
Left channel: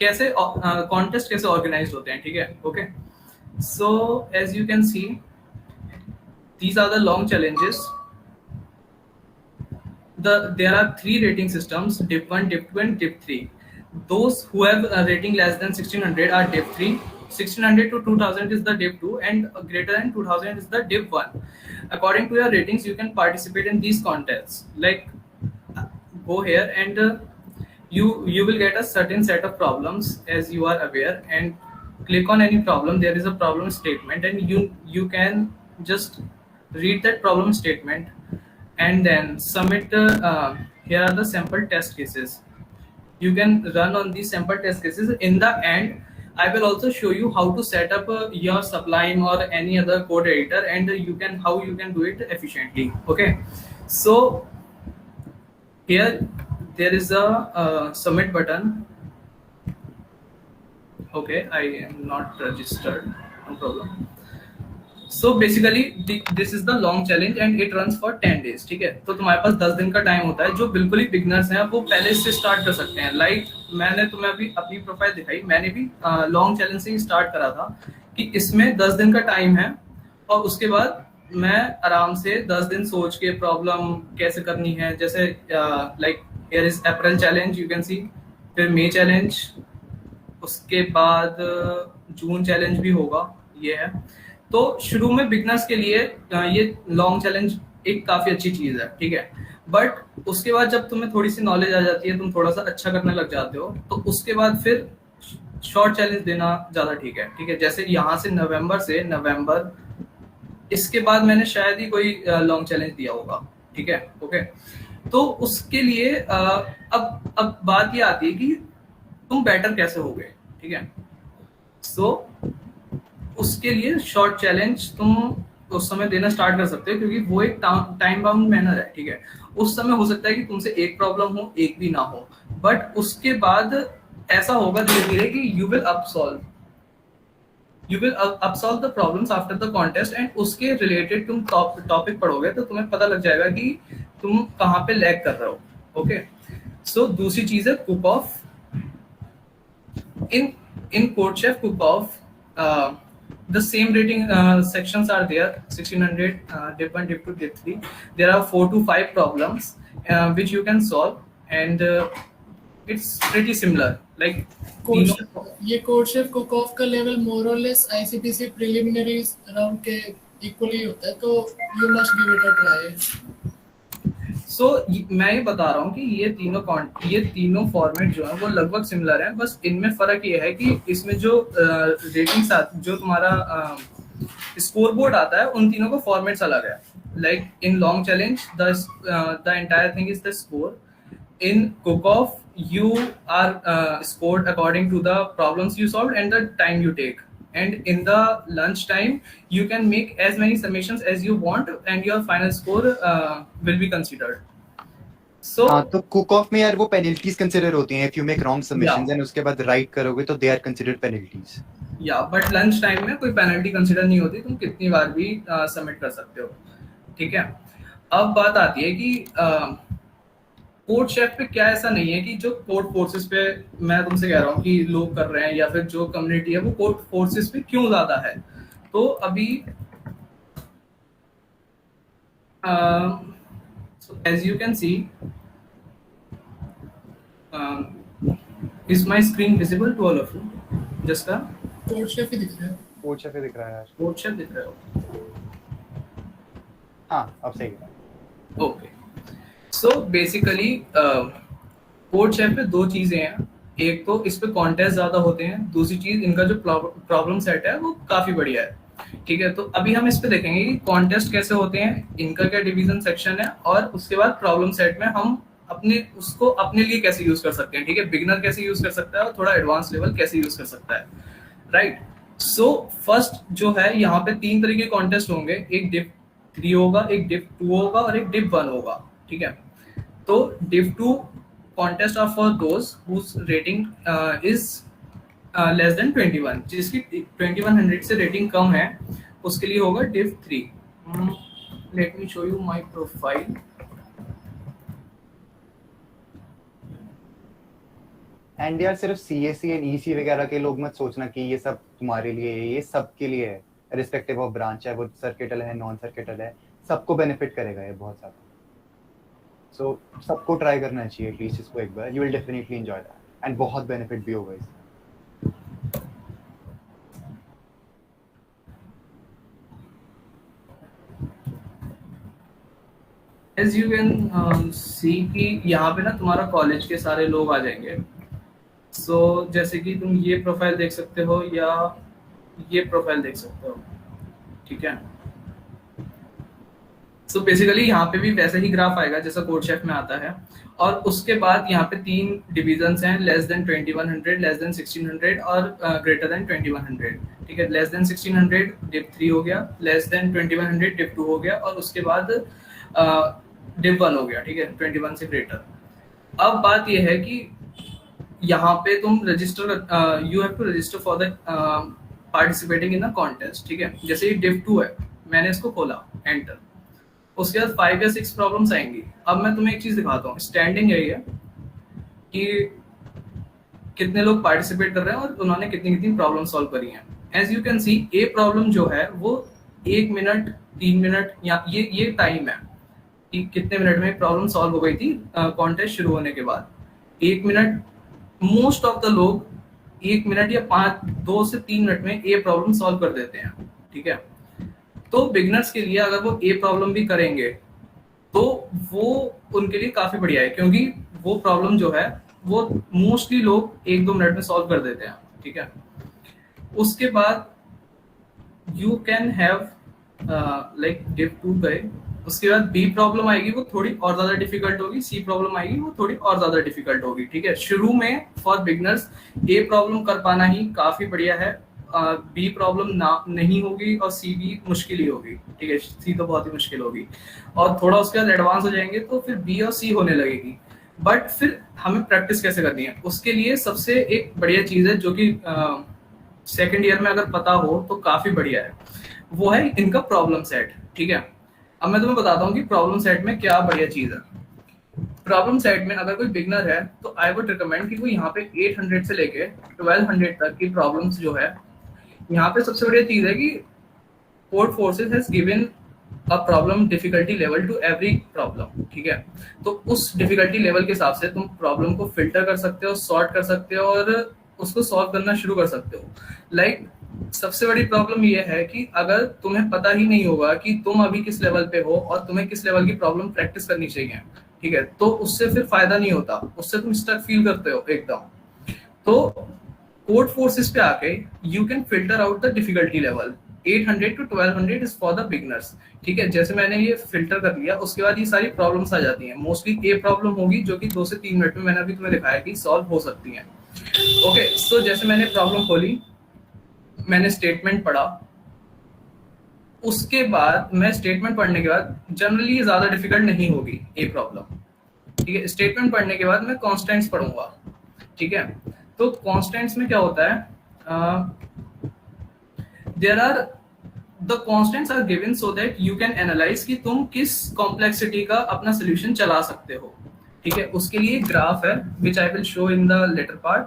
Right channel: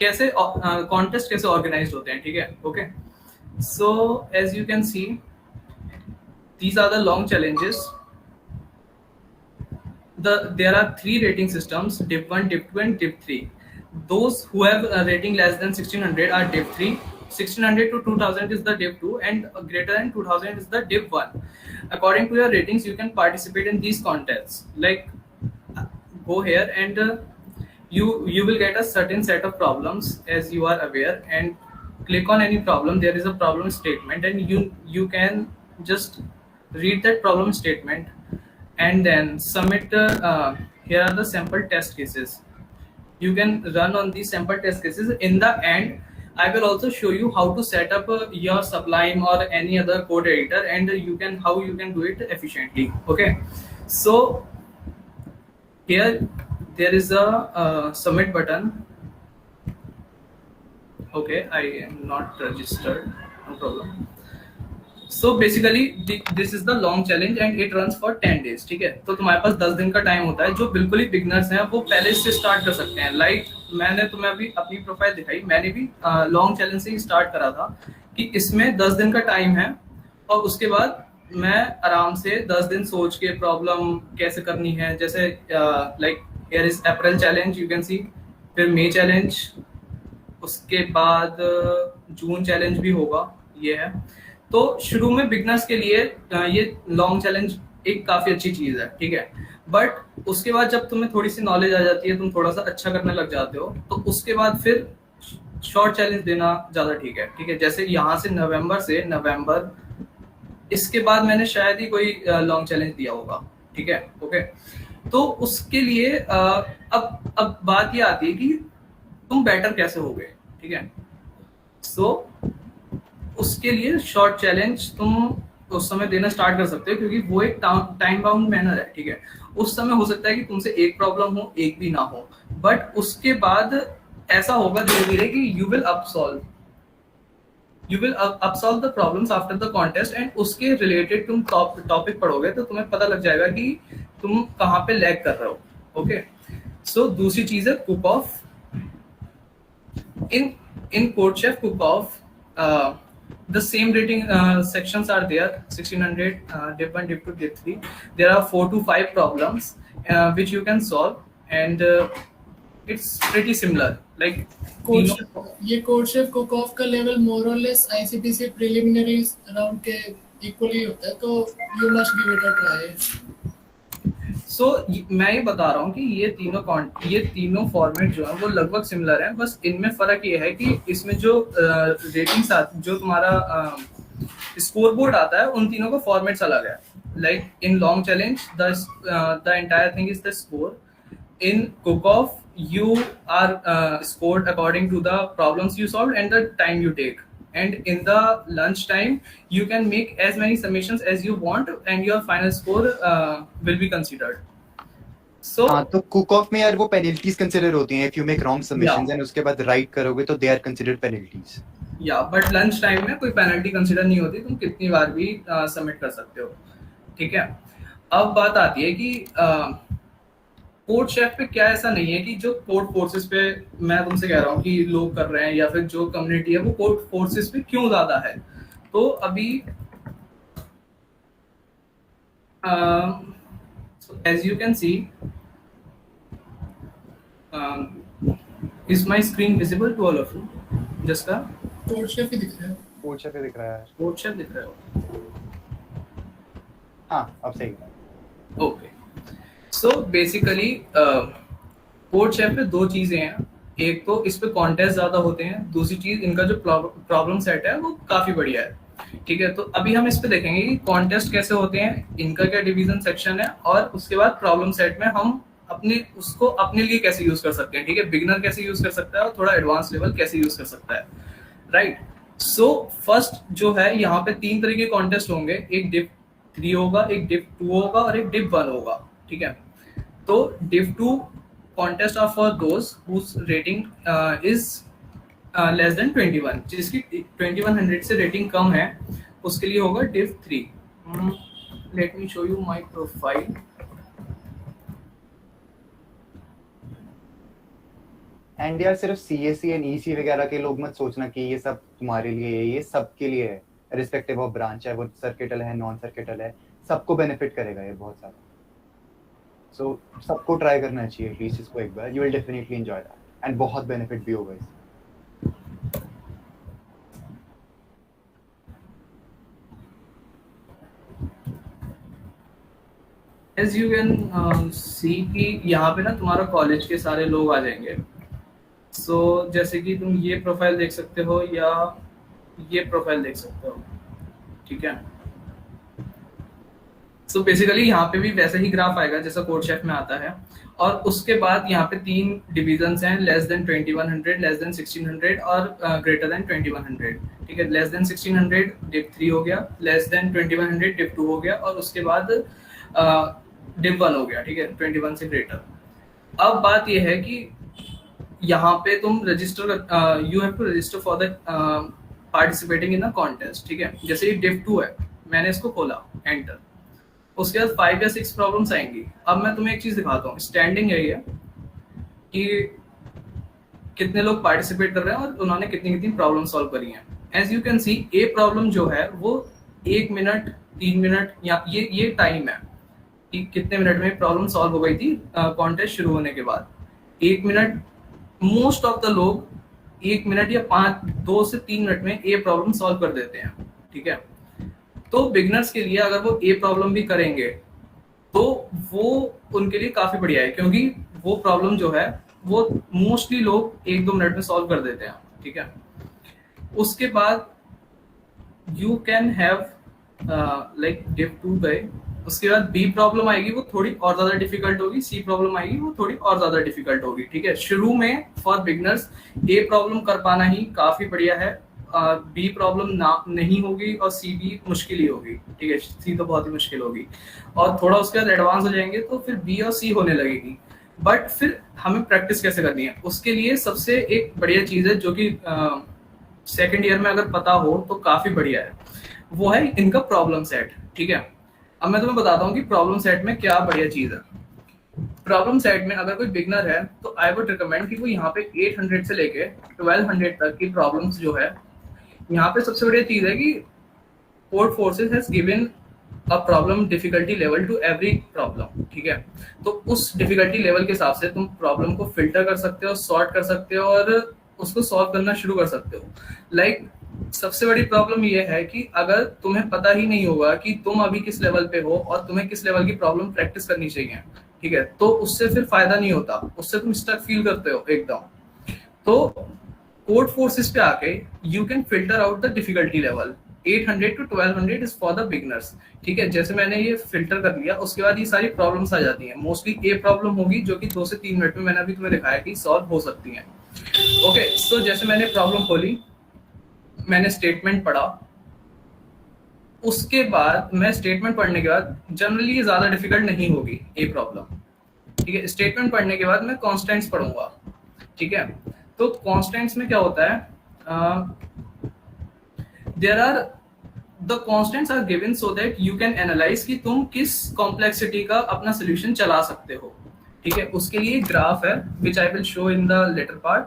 कैसे कॉन्टेस्ट कैसे ऑर्गेनाइज होते हैं, ठीक है। Okay, so as you can see, these are the long challenges. There are 3 rating systems: div 1, div 2 and div 3. Those who have a rating less than 1600 are div 3. 1600 to 2000 is the div 2, and greater than 2000 is the div 1. According to your ratings, you can participate in these contests. Like, go here and you will get a certain set of problems, as you are aware, and click on any problem. There is a problem statement, and you can just read that problem statement and then submit. Here are the sample test cases. You can run on these sample test cases. In the end, I will also show you how to set up your Sublime or any other code editor, and how you can do it efficiently. Okay, so here there is a submit button. Okay, I am not registered, no problem. So basically this is the long challenge and it runs for 10 days, ठीक है। तो तुम्हारे पास 10 दिन का time होता है। जो बिल्कुल ही बिगनर्स हैं वो पहले से स्टार्ट कर सकते हैं। लाइक मैंने तुम्हें अभी अपनी प्रोफाइल दिखाई, मैंने भी लॉन्ग चैलेंज से ही स्टार्ट करा था कि इसमें 10 दिन का टाइम है, और उसके बाद मैं आराम से 10 दिन सोच के प्रॉब्लम कैसे करनी है, जैसे like here is April challenge, you can सी, फिर मई चैलेंज, उसके बाद जून चैलेंज भी होगा, ये है। तो शुरू में बिगनर्स के लिए ये लॉन्ग चैलेंज एक काफी अच्छी चीज है, ठीक है। बट उसके बाद जब तुम्हें थोड़ी सी नॉलेज आ जाती है, तुम थोड़ा सा अच्छा करने लग जाते हो, तो उसके बाद फिर शॉर्ट चैलेंज देना ज्यादा ठीक है, ठीक है। जैसे यहाँ से नवंबर, इसके बाद मैंने शायद ही कोई लॉन्ग चैलेंज दिया होगा, ठीक है, ओके। तो उसके लिए अब बात ये आती है कि तुम बेटर कैसे होगे, ठीक है। सो उसके लिए शॉर्ट चैलेंज तुम उस समय देना स्टार्ट कर सकते हो, क्योंकि वो एक टाइम बाउंड मैनर है, ठीक है। उस समय हो सकता है कि तुमसे एक प्रॉब्लम हो, एक भी ना हो, बट उसके बाद ऐसा होगा धीरे धीरे कि you will upsolve the problems after the contest, and उसके रिलेटेड तुम टॉपिक पढ़ोगे तो तुम्हें पता लग जाएगा कि तुम कहाँ पे लैग कर रहे हो, ओके। सो दूसरी चीज है cook of. in CodeChef cook-off, the same rating sections are there, 1600, div 1, div 2, div 3. There are 4 to 5 problems which you can solve, and it's pretty similar, like ये CodeChef cook-off का level more or less ICPC preliminary round के equally होता है, तो you must give it a try. सो मैं ये बता रहा हूँ कि ये तीनों फॉर्मेट जो है वो लगभग सिमिलर है, बस इनमें फर्क ये है कि इसमें जो रेटिंग्स जो तुम्हारा स्कोर बोर्ड आता है, उन तीनों का फॉर्मेट्स अलग है। Like in long challenge the entire thing is the score, in cook of you are scored according to the problems you solved and the time you take, and in the lunch time you can make as many summations as you want and your final score will be considered. So तो cook of में यार वो penalties consider होती हैं, if you make wrong submissions and उसके बाद right करोगे तो दे आर कंसीडर्ड पेनल्टीज। या बट लंच टाइम में कोई पेनल्टी कंसीडर नहीं होती, तुम कितनी बार भी सबमिट कर सकते हो, ठीक है। अब बात आती है कि कोड शेफ पे क्या ऐसा नहीं है कि जो कोड फोर्सेस पे मैं तुमसे कह रहा हूँ कि लोग कर रहे हैं, या फिर जो कम्युनिटी है वो कोड फोर्सेस पे क्यों ज्यादा है। तो अभी as you can see, is my screen visible to all of you? जिसका कोड शेफ ही दिख रहा है, कोड शेफ दिख रहा है यार। कोड शेफ दिख रहा है, हाँ अब सही है। Okay. So basically code chef पे दो चीजें हैं, एक तो इस पे कॉन्टेस्ट ज्यादा होते हैं, दूसरी चीज इनका जो प्रॉब्लम सेट है वो काफी बढ़िया है, ठीक है। तो अभी हम इस पे देखेंगे कि कॉन्टेस्ट कैसे होते हैं, इनका क्या डिवीजन सेक्शन है, और उसके बाद प्रॉब्लम सेट में हम उसको अपने लिए कैसे यूज कर सकते हैं, ठीक है। बिगिनर कैसे यूज कर सकता है और थोड़ा एडवांस लेवल कैसे यूज कर सकता है, राइट। सो फर्स्ट जो है, यहाँ पे 3 तरह के कॉन्टेस्ट होंगे, एक डिव 3 होगा, एक डिव 2 होगा और एक डिव 1 होगा, ठीक है। तो div 2 contest are for those whose rating is less than 21, जिसकी 2100 से रेटिंग कम है, उसके लिए होगा div 3। Let me show you my profile. And यार सिर्फ CSE एंड EC वगैरह के लोग मत सोचना कि ये सब तुम्हारे लिए है, ये सबके लिए है, रिस्पेक्टिव ऑफ ब्रांच है, वो सर्किटल है नॉन सर्किटल है, सबको बेनिफिट करेगा ये बहुत सारा। सो सबको ट्राई करना चाहिए एटलीस्ट इसको एक बार, you will definitely enjoy that and बहुत बेनिफिट भी होगा इससे। As you can see कि यहाँ पे ना तुम्हारा कॉलेज के सारे लोग आ जाएंगे। सो जैसे कि तुम ये प्रोफाइल देख सकते हो या ये प्रोफाइल देख सकते हो, ठीक है। सो बेसिकली यहाँ पे भी वैसे ही ग्राफ आएगा जैसा कोड शेफ में आता है, और उसके बाद यहाँ पे 3 डिविजन्स हैं, लेस देन 2100, लेस देन 1600 और ग्रेटर देन 2100, ठीक है। लेस देन 1600 डिव 3 हो गया, लेस देन 2100 डिव 2 हो गया, और उसके बाद डिव 1 हो गया, ठीक है, 21 से ग्रेटर। अब बात यह है कि यहाँ पे तुम register, you have to register for the participating in the contest, ठीक है। जैसे ये डिव 2 है, मैंने इसको खोला, एंटर, उसके बाद 5 या 6 प्रॉब्लम्स आएंगी। अब मैं तुम्हें एक चीज दिखाता हूँ, स्टैंडिंग यही है कि कितने लोग पार्टिसिपेट कर रहे हैं और उन्होंने कितनी कितनी प्रॉब्लम सॉल्व करी हैं। As you can see, a problem जो है वो 1 मिनट 3 मिनट या ये टाइम है कि कितने मिनट में प्रॉब्लम सॉल्व हो गई थी कॉन्टेस्ट शुरू होने के बाद। 1 मिनट, मोस्ट ऑफ द लोग 1 मिनट या 2 से 3 मिनट में ए प्रॉब्लम सॉल्व कर देते हैं, ठीक है। तो बिगनर्स के लिए अगर वो ए प्रॉब्लम भी करेंगे तो वो उनके लिए काफी बढ़िया है, क्योंकि वो प्रॉब्लम जो है वो मोस्टली लोग 1-2 मिनट में सॉल्व कर देते हैं, ठीक है। उसके बाद you can have like div 2 गए, उसके बाद बी प्रॉब्लम आएगी वो थोड़ी और ज्यादा डिफिकल्ट होगी, सी प्रॉब्लम आएगी वो थोड़ी और ज्यादा डिफिकल्ट होगी, ठीक है। शुरू में फॉर बिगनर्स ए प्रॉब्लम कर पाना ही काफी बढ़िया है, बी प्रॉब्लम ना नहीं होगी और सी भी मुश्किल ही होगी, ठीक है। सी तो बहुत ही मुश्किल होगी और थोड़ा उसके बाद एडवांस हो जाएंगे तो फिर बी और सी होने लगेगी। बट फिर हमें प्रैक्टिस कैसे करनी है, उसके लिए सबसे एक बढ़िया चीज है जो कि सेकेंड ईयर में अगर पता हो तो काफी बढ़िया है, वो है इनका प्रॉब्लम सेट, ठीक है। अब मैं तुम्हें बताता हूँ कि प्रॉब्लम सेट में क्या बढ़िया चीज है। प्रॉब्लम सेट में अगर कोई बिगनर है तो आई वुड रिकमेंड कि वो यहाँ पे 800 से लेके 1200 तक की प्रॉब्लम्स जो है, यहाँ पे सबसे बढ़िया चीज है कि Codeforces has given a problem difficulty level to every problem, ठीक है। तो उस डिफिकल्टी लेवल के हिसाब से तुम प्रॉब्लम को फिल्टर कर सकते हो, सॉर्ट कर सकते हो और उसको सॉल्व करना शुरू कर सकते हो। लाइक सबसे बड़ी प्रॉब्लम ये है कि अगर तुम्हें पता ही नहीं होगा कि तुम अभी किस लेवल पे हो और तुम्हें किस लेवल की प्रॉब्लम प्रैक्टिस करनी चाहिए, ठीक है, तो उससे फिर फायदा नहीं होता, उससे तुम स्टक फील करते हो एकदम। तो कोड फोर्सेस पे आके you can filter out the difficulty level. 800 to 1200 is for the beginners, ठीक है। जैसे मैंने ये फिल्टर कर लिया, उसके बाद ये सारी प्रॉब्लम्स आ जाती हैं। मोस्टली ए प्रॉब्लम होगी जो कि 2 से 3 मिनट में मैंने अभी तुम्हें दिखाया कि सॉल्व हो सकती है। ओके, सो जैसे मैंने प्रॉब्लम खोली, मैंने स्टेटमेंट पढ़ा, उसके बाद मैं स्टेटमेंट पढ़ने के बाद जनरली ये ज्यादा डिफिकल्ट नहीं होगी ए प्रॉब्लम, ठीक है। स्टेटमेंट पढ़ने के बाद मैं कॉन्स्टेंट्स पढ़ूंगा, ठीक है। तो कॉन्स्टेंट्स में क्या होता है, there are the constants are given so that you can analyse कि तुम किस कॉम्प्लेक्सिटी का अपना सोल्यूशन चला सकते हो, ठीक है। उसके लिए ग्राफ है which I will show in the later part,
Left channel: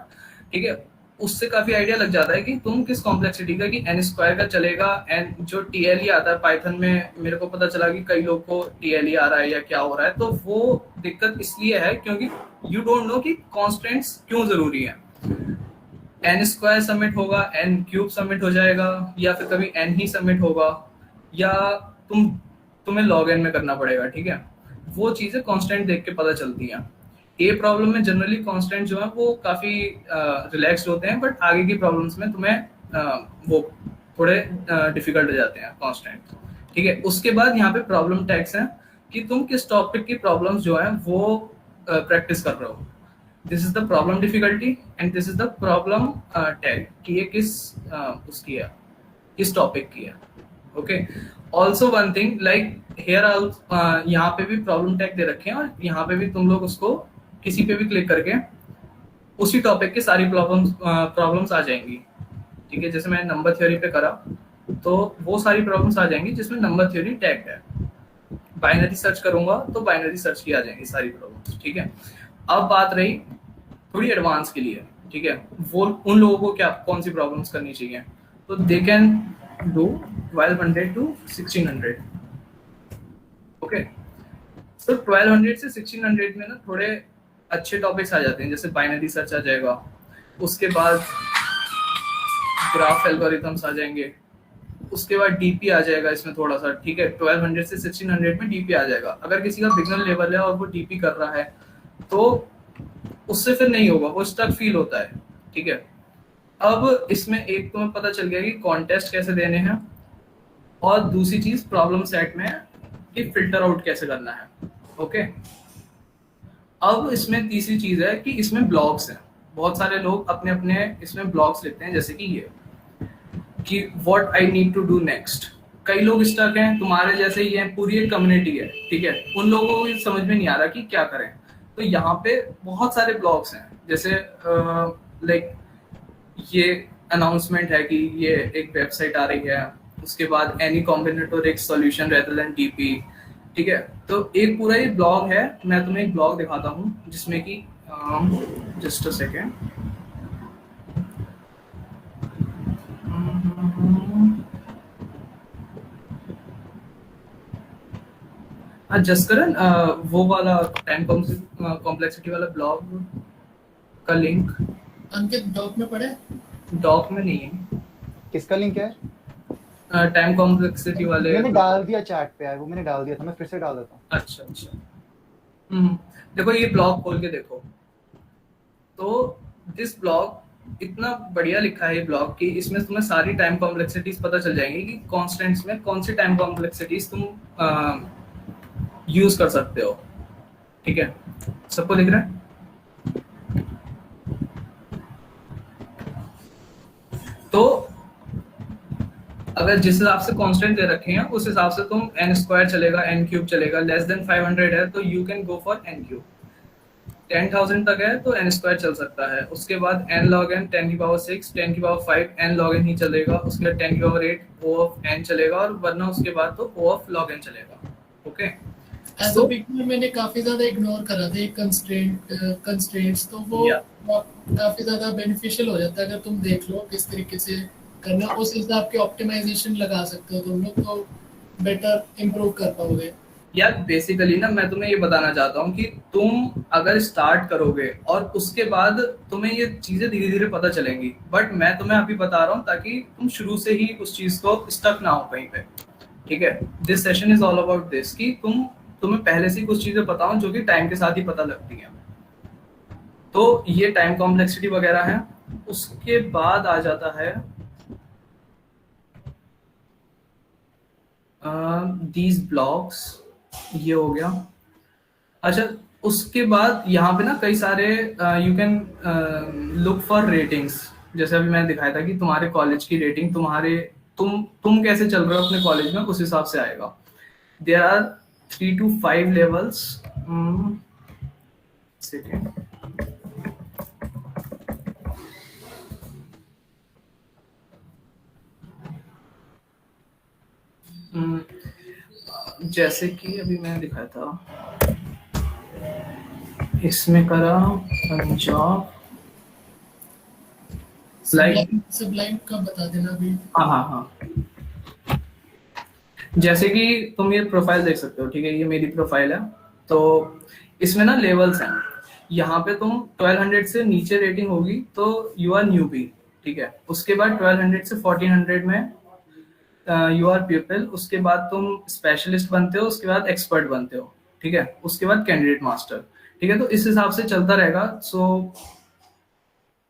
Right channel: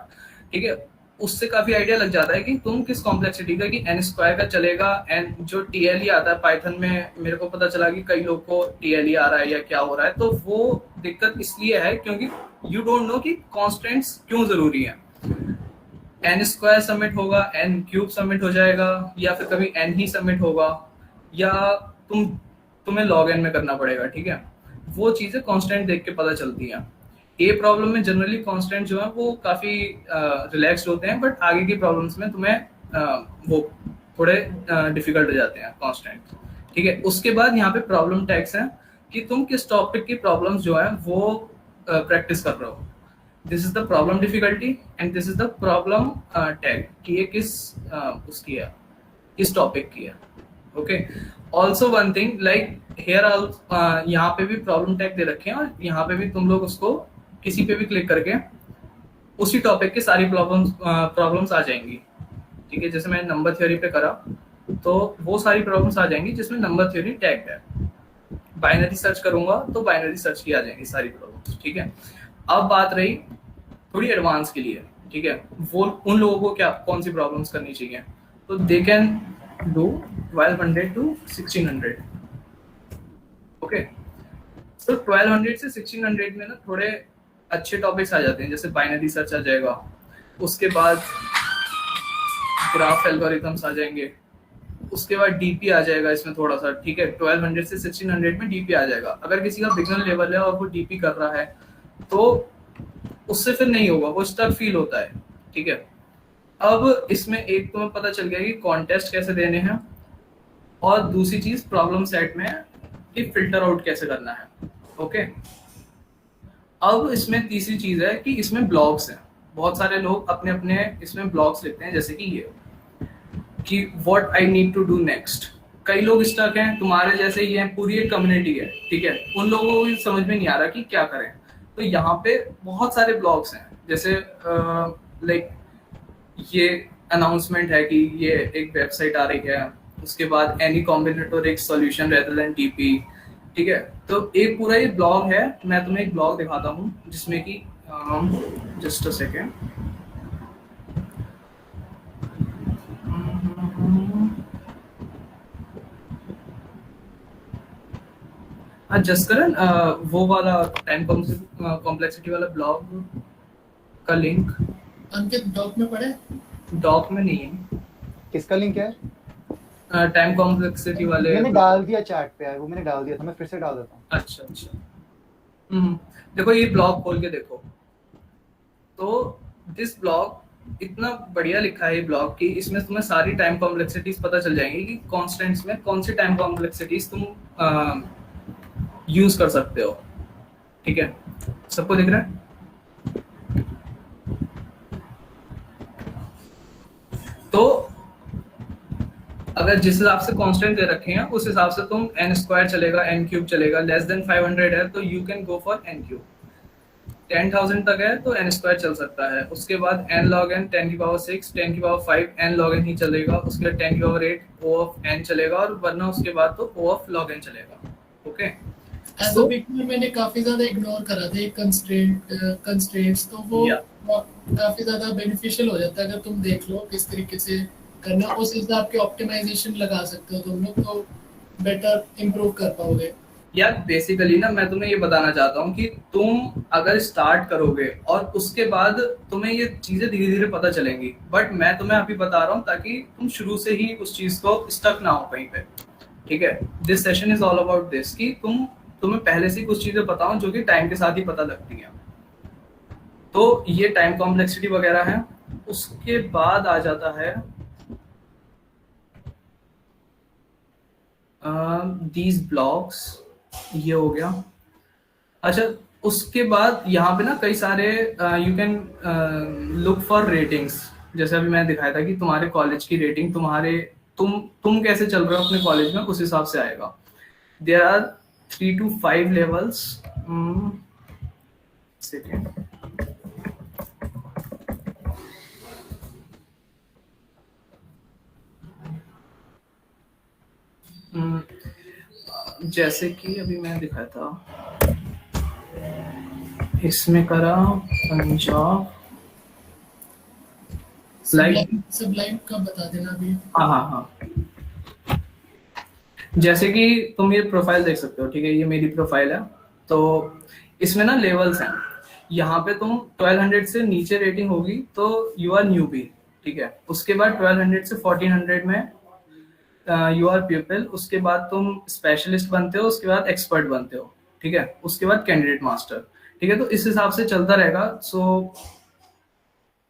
ठीक है। उससे काफी आइडिया लग जाता है कि तुम किस कॉम्प्लेक्सिटी का, कि n² का चलेगा, एन जो TLE आता है पाइथन में, मेरे को पता चला कि कई लोग को TLE आ रहा है या क्या हो रहा है, तो वो दिक्कत इसलिए है क्योंकि यू डोंट नो कि कॉन्स्टेंट्स क्यों जरूरी है। n² सबमिट होगा, n³ सबमिट हो जाएगा, या फिर कभी n ही सबमिट होगा, या तुम्हें log n में करना पड़ेगा, ठीक है। वो चीजें कांस्टेंट देख के पता चलती हैं। ए प्रॉब्लम में जनरली कांस्टेंट जो है वो काफी रिलैक्स्ड होते हैं, बट आगे की प्रॉब्लम्स में तुम्हें वो थोड़े डिफिकल्ट हो जाते हैं कांस्टेंट, ठीक है। उसके बाद यहाँ पे प्रॉब्लम टैग्स हैं कि तुम किस टॉपिक की प्रॉब्लम्स जो है वो प्रैक्टिस कर रहे हो। This is the problem difficulty and this is the problem tag कि ये किस उसकी है, किस टॉपिक की है, okay. Also one thing like here यहाँ पे भी प्रॉब्लम टैग दे रखे हैं और यहाँ पे भी तुम लोग उसको किसी पे भी क्लिक करके उसी टॉपिक की सारी प्रॉब्लम्स आ जाएंगी, ठीक है। जैसे मैंने नंबर थ्योरी पे करा तो वो सारी प्रॉब्लम्स आ जाएंगी जिसमें नंबर थ्योरी टैग है। बाइनरी सर्च करूंगा तो बाइनरी सर्च की आ जाएंगी सारी प्रॉब्लम्स, ठीक है। अब बात रही थोड़ी एडवांस के लिए, ठीक है, वो उन लोगों को क्या कौन सी प्रॉब्लम्स करनी चाहिए, तो they can do 1200 to 1600, okay. तो 1200 से 1600 में ना थोड़े अच्छे टॉपिक्स आ जाते हैं, जैसे बाइनरी सर्च आ जाएगा, उसके बाद ग्राफ एल्गोरिथम्स आ जाएंगे, उसके बाद डीपी आ जाएगा इसमें थोड़ा सा, ठीक है। 1200 से 1600 में डीपी आ जाएगा। अगर किसी का बिगिनर लेवल है और वो डीपी कर रहा है तो उससे फिर नहीं होगा, वो स्टक फील होता है, ठीक है। अब इसमें एक तुम्हें पता चल गया कि कॉन्टेस्ट कैसे देने हैं, और दूसरी चीज प्रॉब्लम सेट में कि फिल्टर आउट कैसे करना है, ओके। अब इसमें तीसरी चीज है कि इसमें ब्लॉग्स हैं। बहुत सारे लोग अपने अपने इसमें ब्लॉग्स लिखते हैं, जैसे कि ये कि what I need to do next. कई लोग स्टक हैं, तुम्हारे जैसे ही हैं, पूरी एक कम्युनिटी है, ठीक है। उन लोगों को भी समझ में नहीं आ रहा कि क्या करें, तो यहाँ पे बहुत सारे ब्लॉग्स हैं, जैसे लाइक ये अनाउंसमेंट है कि ये एक वेबसाइट आ रही है, उसके बाद any combinatoric solution rather than DP, ठीक है। तो एक पूरा ये ब्लॉग है, मैं तुम्हें एक ब्लॉग दिखाता हूँ जिसमें कि जस्ट अ सेकेंड, हाँ जसकरण, वो वाला टाइम कॉम्प्लेक्सिटी वाला ब्लॉग का लिंक अंकित डॉक में पढ़े? डॉक में नहीं है। किसका लिंक है? टाइम कॉम्प्लेक्सिटी वाले मैंने डाल दिया चैट पे यार, वो मैंने डाल दिया था, मैं फिर से डाल देता हूँ। अच्छा अच्छा। देखो ये ब्लॉग खोल के देखो, तो दिस ब्लॉग इतना बढ़िया लिखा है ये ब्लॉग कि इसमें तुम्हें सारी टाइम कॉम्प्लेक्सिटीज पता चल जाएंगी कि कॉन्स्टेंट्स में कौन सी टाइम कॉम्प्लेक्सिटीज तुम यूज कर सकते हो। ठीक है, सबको दिख रहा है? तो अगर जिस हिसाब से कांस्टेंट दे रखे हैं उस हिसाब से तुम n स्क्वायर चलेगा, n क्यूब चलेगा, लेस देन 500 है तो you can go for n cube. 10,000 तक है तो n स्क्वायर चल सकता है। उसके बाद n log n 10 की पावर 6, 10 की पावर 5 n log n ही चलेगा। उसके बाद 10 की पावर 8 o ऑफ n चलेगा, और वरना उसके बाद तो o ऑफ log n चलेगा। ओके, एज अ बिगनर मैंने काफी ज्यादा इग्नोर करा था कंस्ट्रेंट्स, तो वो काफी ज्यादा बेनिफिशियल हो जाता है अगर तुम देख लो किस तरीके से करना, उस हिसाब के ऑप्टिमाइजेशन लगा सकते हो तुम लोग, तो बेटर इम्प्रूव कर पाओगे। यार बेसिकली ना मैं तुम्हें ये बताना चाहता हूँ कि तुम अगर स्टार्ट करोगे और उसके बाद तुम्हें ये चीजें धीरे धीरे पता चलेंगी, बट मैं तुम्हें अभी बता रहा हूँ ताकि तुम शुरू से ही उस चीज को स्टक ना हो कहीं पे। ठीक है, this session is all about this कि तुम्हें पहले से कुछ चीजें पता हो जो कि टाइम के साथ ही पता लगती है। तो ये टाइम कॉम्प्लेक्सिटी वगैरह है। उसके बाद आ जाता है दीज ब्लॉक्स, ये हो गया। अच्छा, उसके बाद यहाँ पे ना कई सारे you can look for ratings. जैसे अभी मैंने दिखाया था कि तुम्हारे कॉलेज की रेटिंग तुम कैसे चल रहे हो अपने कॉलेज में, उस हिसाब से आएगा। There are 3 to 5 levels। Second, जैसे कि अभी मैंने दिखाया था, इसमें करा पंजाब सबलाइन का बता देना अभी। हाँ हाँ हाँ, जैसे कि तुम ये प्रोफाइल देख सकते हो। ठीक है, ये मेरी प्रोफाइल है। तो इसमें ना लेवल्स हैं। यहाँ पे तुम 1200 से नीचे रेटिंग होगी तो यू आर न्यूबी। ठीक है, उसके बाद 1200 से 1400 में यू आर पीपल। उसके बाद तुम स्पेशलिस्ट बनते हो, उसके बाद एक्सपर्ट बनते हो। ठीक है, उसके बाद कैंडिडेट मास्टर। ठीक है, तो इस हिसाब से चलता रहेगा। सो